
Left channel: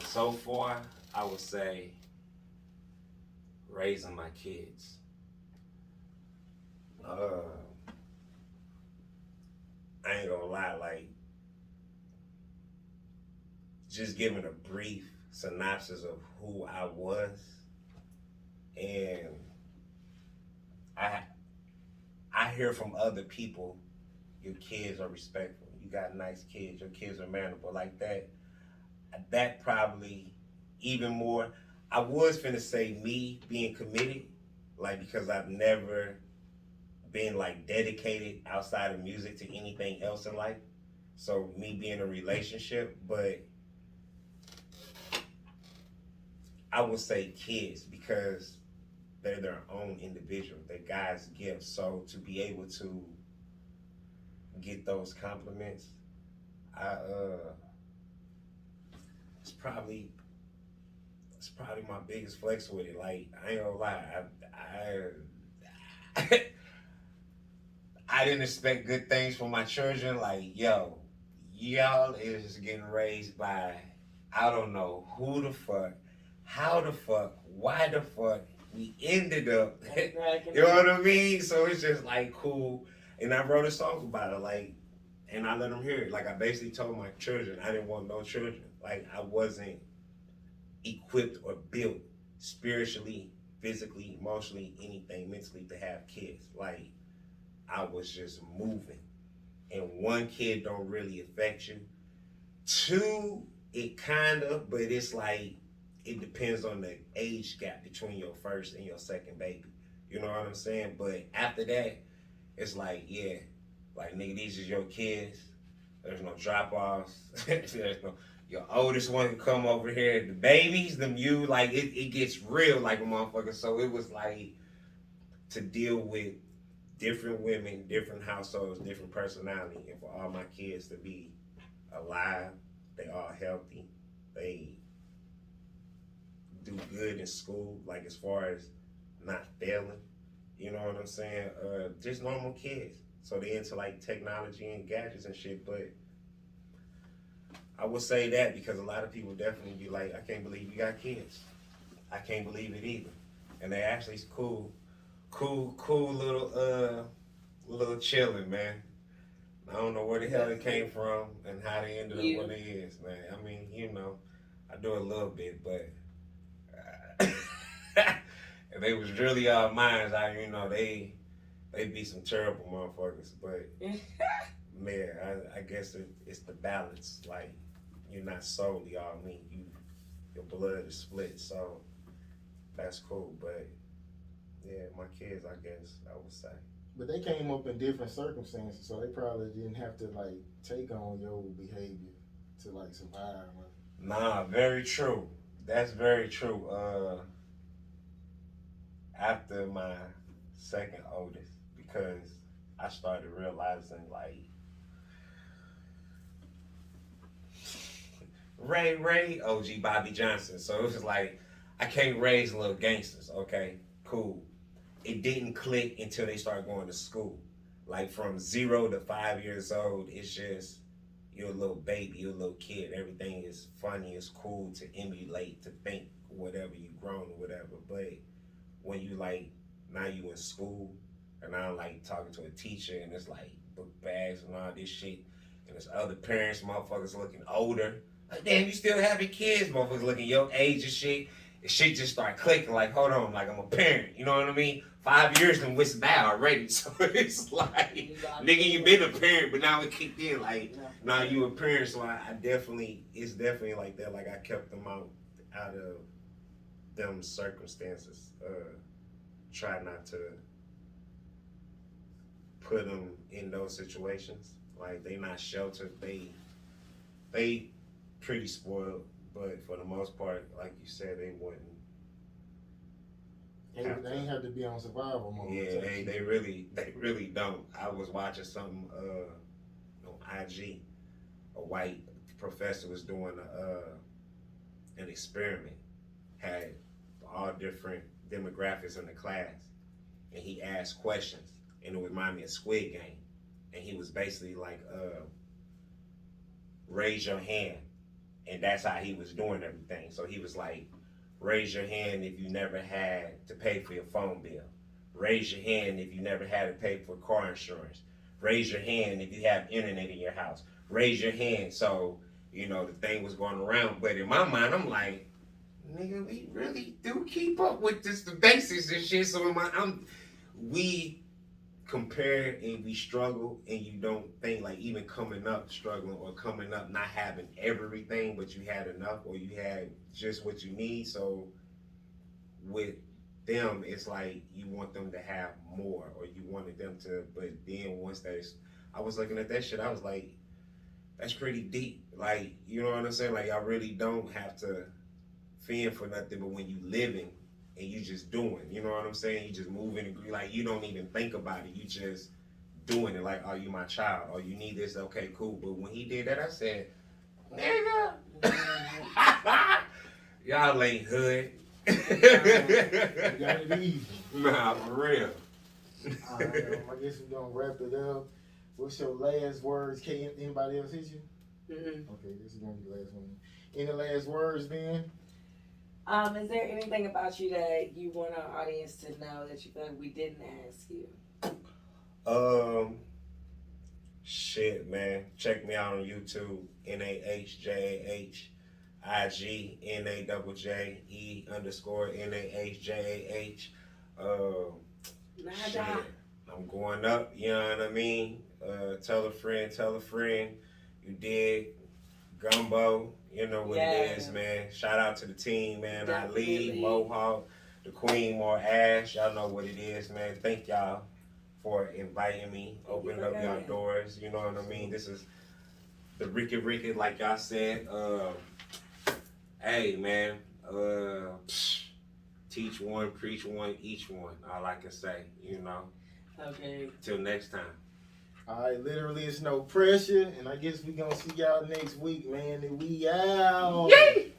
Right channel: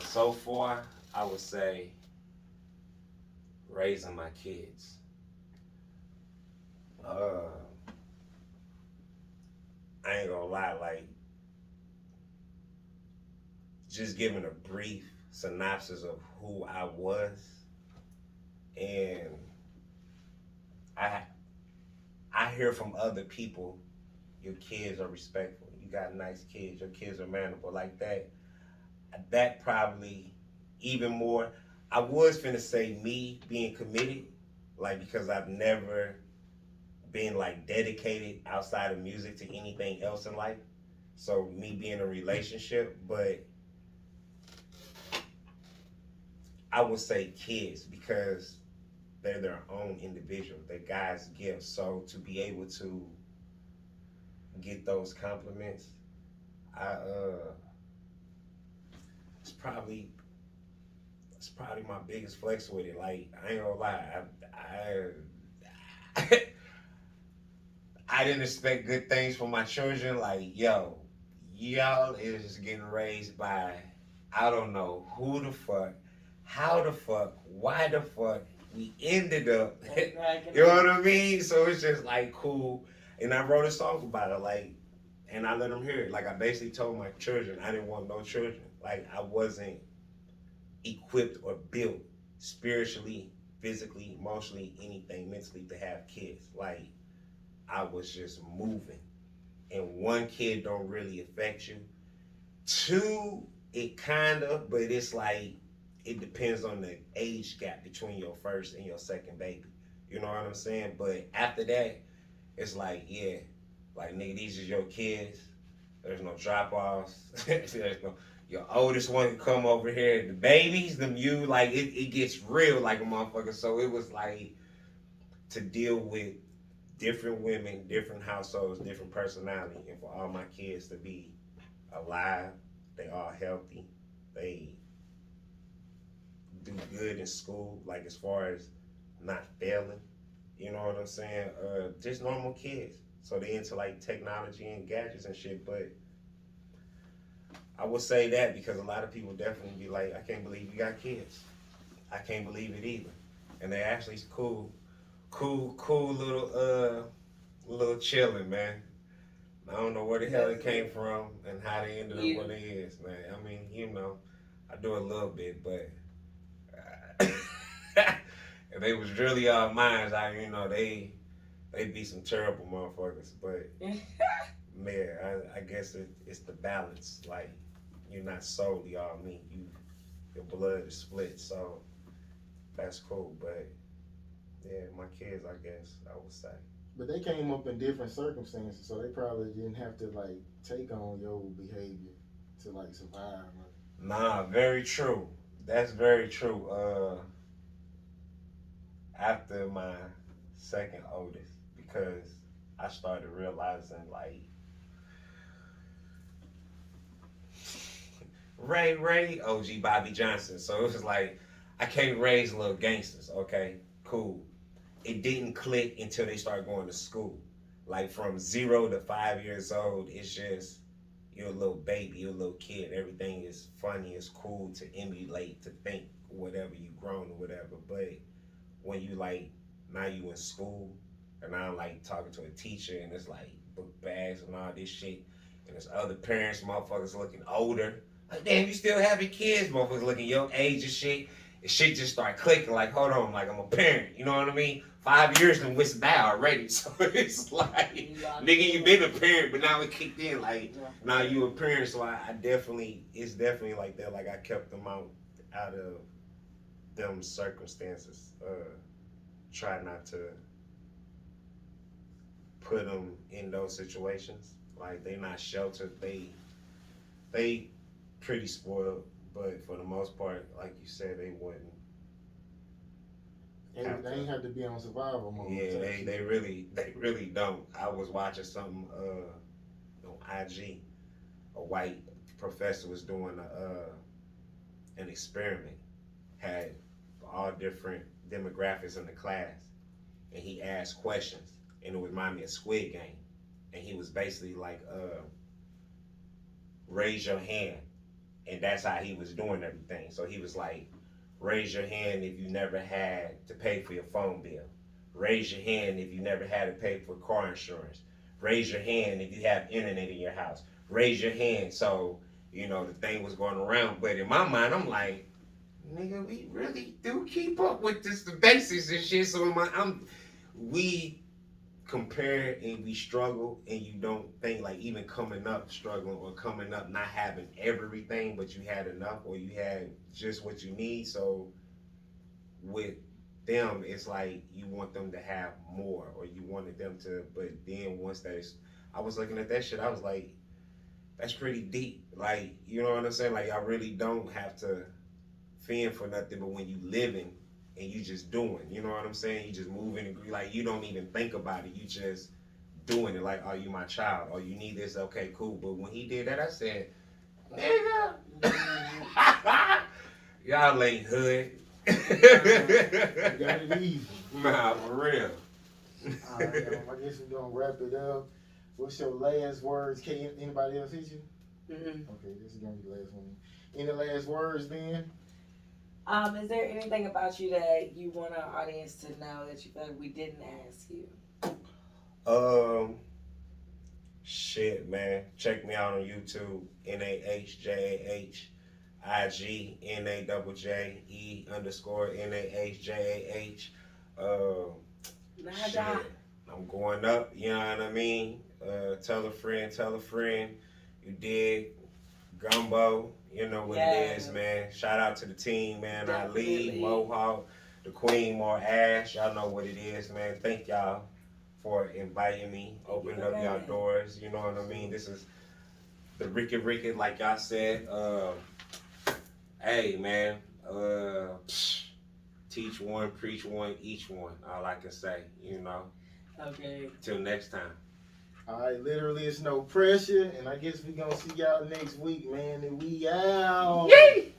so far, I would say raising my kids. I ain't gonna lie, like, just giving a brief synopsis of who I was, and I hear from other people, your kids are respectful, you got nice kids, your kids are manable, like that. That probably even more. I was finna say me being committed, like, because I've never been like dedicated outside of music to anything else in life. So me being in a relationship, but I would say kids because they're their own individual. They're God's gift. So to be able to get those compliments, it's probably my biggest flex with it. Like, I ain't gonna lie, I didn't expect good things from my children. Like, yo, y'all is getting raised by, I don't know who the fuck, how the fuck, why the fuck we ended up. You know what I mean? So it's just like cool. And I wrote a song about it, like, and I let them hear it. Like, I basically told my children I didn't want no children. Like, I wasn't equipped or built spiritually, physically, emotionally, anything, mentally to have kids. Like, I was just moving. And one kid don't really affect you. Two, it kind of, but it's like, it depends on the age gap between your first and your second baby. You know what I'm saying? But after that, it's like, yeah, like, nigga, these are your kids. There's no drop-offs. There's no, your oldest one can come over here. The babies, them you, like, it gets real like a motherfucker. So it was like to deal with different women, different households, different personality, and for all my kids to be alive, they all healthy, they do good in school, like as far as not failing, you know what I'm saying? Just normal kids. So they into like technology and gadgets and shit, but I would say that because a lot of people definitely be like, I can't believe you got kids. I can't believe it either. And they actually cool little chilling, man. I don't know where the hell it came from and how they ended up where they is, man. I mean, you know, I do a little bit, but if they was really all mine, you know, they be some terrible motherfuckers. But man, I guess it's the balance. Like, you're not solely all me. Your blood is split, so that's cool. But yeah, my kids, I guess I would say. But they came up in different circumstances, so they probably didn't have to like take on your behavior to like survive. Nah, very true. That's very true. After my second oldest, because I started realizing like Ray, OG Bobby Johnson. So it was like, I can't raise little gangsters. Okay, cool. It didn't click until they started going to school. Like from 0 to 5 years old, it's just, you're a little baby, you're a little kid. Everything is funny, it's cool to emulate, to think whatever you grown or whatever. But when you like, now you in school, and now I'm like talking to a teacher, and it's like book bags and all this shit, and there's other parents, motherfuckers looking older. Like, damn, you still having kids, motherfuckers looking your age and shit. And shit just start clicking, like, hold on, like I'm a parent, you know what I mean? 5 years done went by already, so it's like, nigga, you been a parent, but now it kicked in, like, now you a parent, so I definitely, it's definitely like that, like I kept them out of them circumstances, try not to put them in those situations, like they not sheltered, they pretty spoiled, but for the most part, like you said, they wouldn't. They ain't have to be on survival mode. Yeah, they really don't. I was watching something on IG. A white professor was doing an experiment, had all different demographics in the class, and he asked questions, and it reminded me of Squid Game, and he was basically like, raise your hand, and that's how he was doing everything. So he was like, raise your hand if you never had to pay for your phone bill. Raise your hand if you never had to pay for car insurance. Raise your hand if you have internet in your house. Raise your hand. So, you know, the thing was going around. But in my mind, I'm like, nigga, we really do keep up with this, the basics and shit. So in my, we compare and we struggle, and you don't think like even coming up struggling or coming up not having everything, but you had enough or you had just what you need. So with them, it's like you want them to have more, or you wanted them to, but then once I was looking at that shit, I was like, that's pretty deep. Like, you know what I'm saying? Like, I really don't have to fend for nothing, but when you living and you just doing, you know what I'm saying? You just moving and like you don't even think about it. You just doing it. Like, are you my child? Or you need this? Okay, cool. But when he did that, I said, nigga, y'all ain't hood. You got it easy. Nah, for real. All right, I guess we're gonna wrap it up. What's your last words? Can anybody else hit you? Okay, this is gonna be the last one. Any last words, then? Is there anything about you that you want our audience to know that you feel like we didn't ask you? Shit, man. Check me out on YouTube, Nahjah, IG, NAJJE_NAHJAH. Najje. I'm going up, you know what I mean? Tell a friend. You dig? Gumbo, you know what it is, man. Shout out to the team, man. Ali, Mohawk, the Queen, more Ash. Y'all know what it is, man. Thank y'all for inviting me, opening up y'all doors. You know what I mean? This is the Ricky, like y'all said. Hey, man. Teach one, preach one, each one. All I can say, you know. Okay. Till next time. All right, literally, it's no pressure, and I guess we gonna see y'all next week, man. And we out. Yay!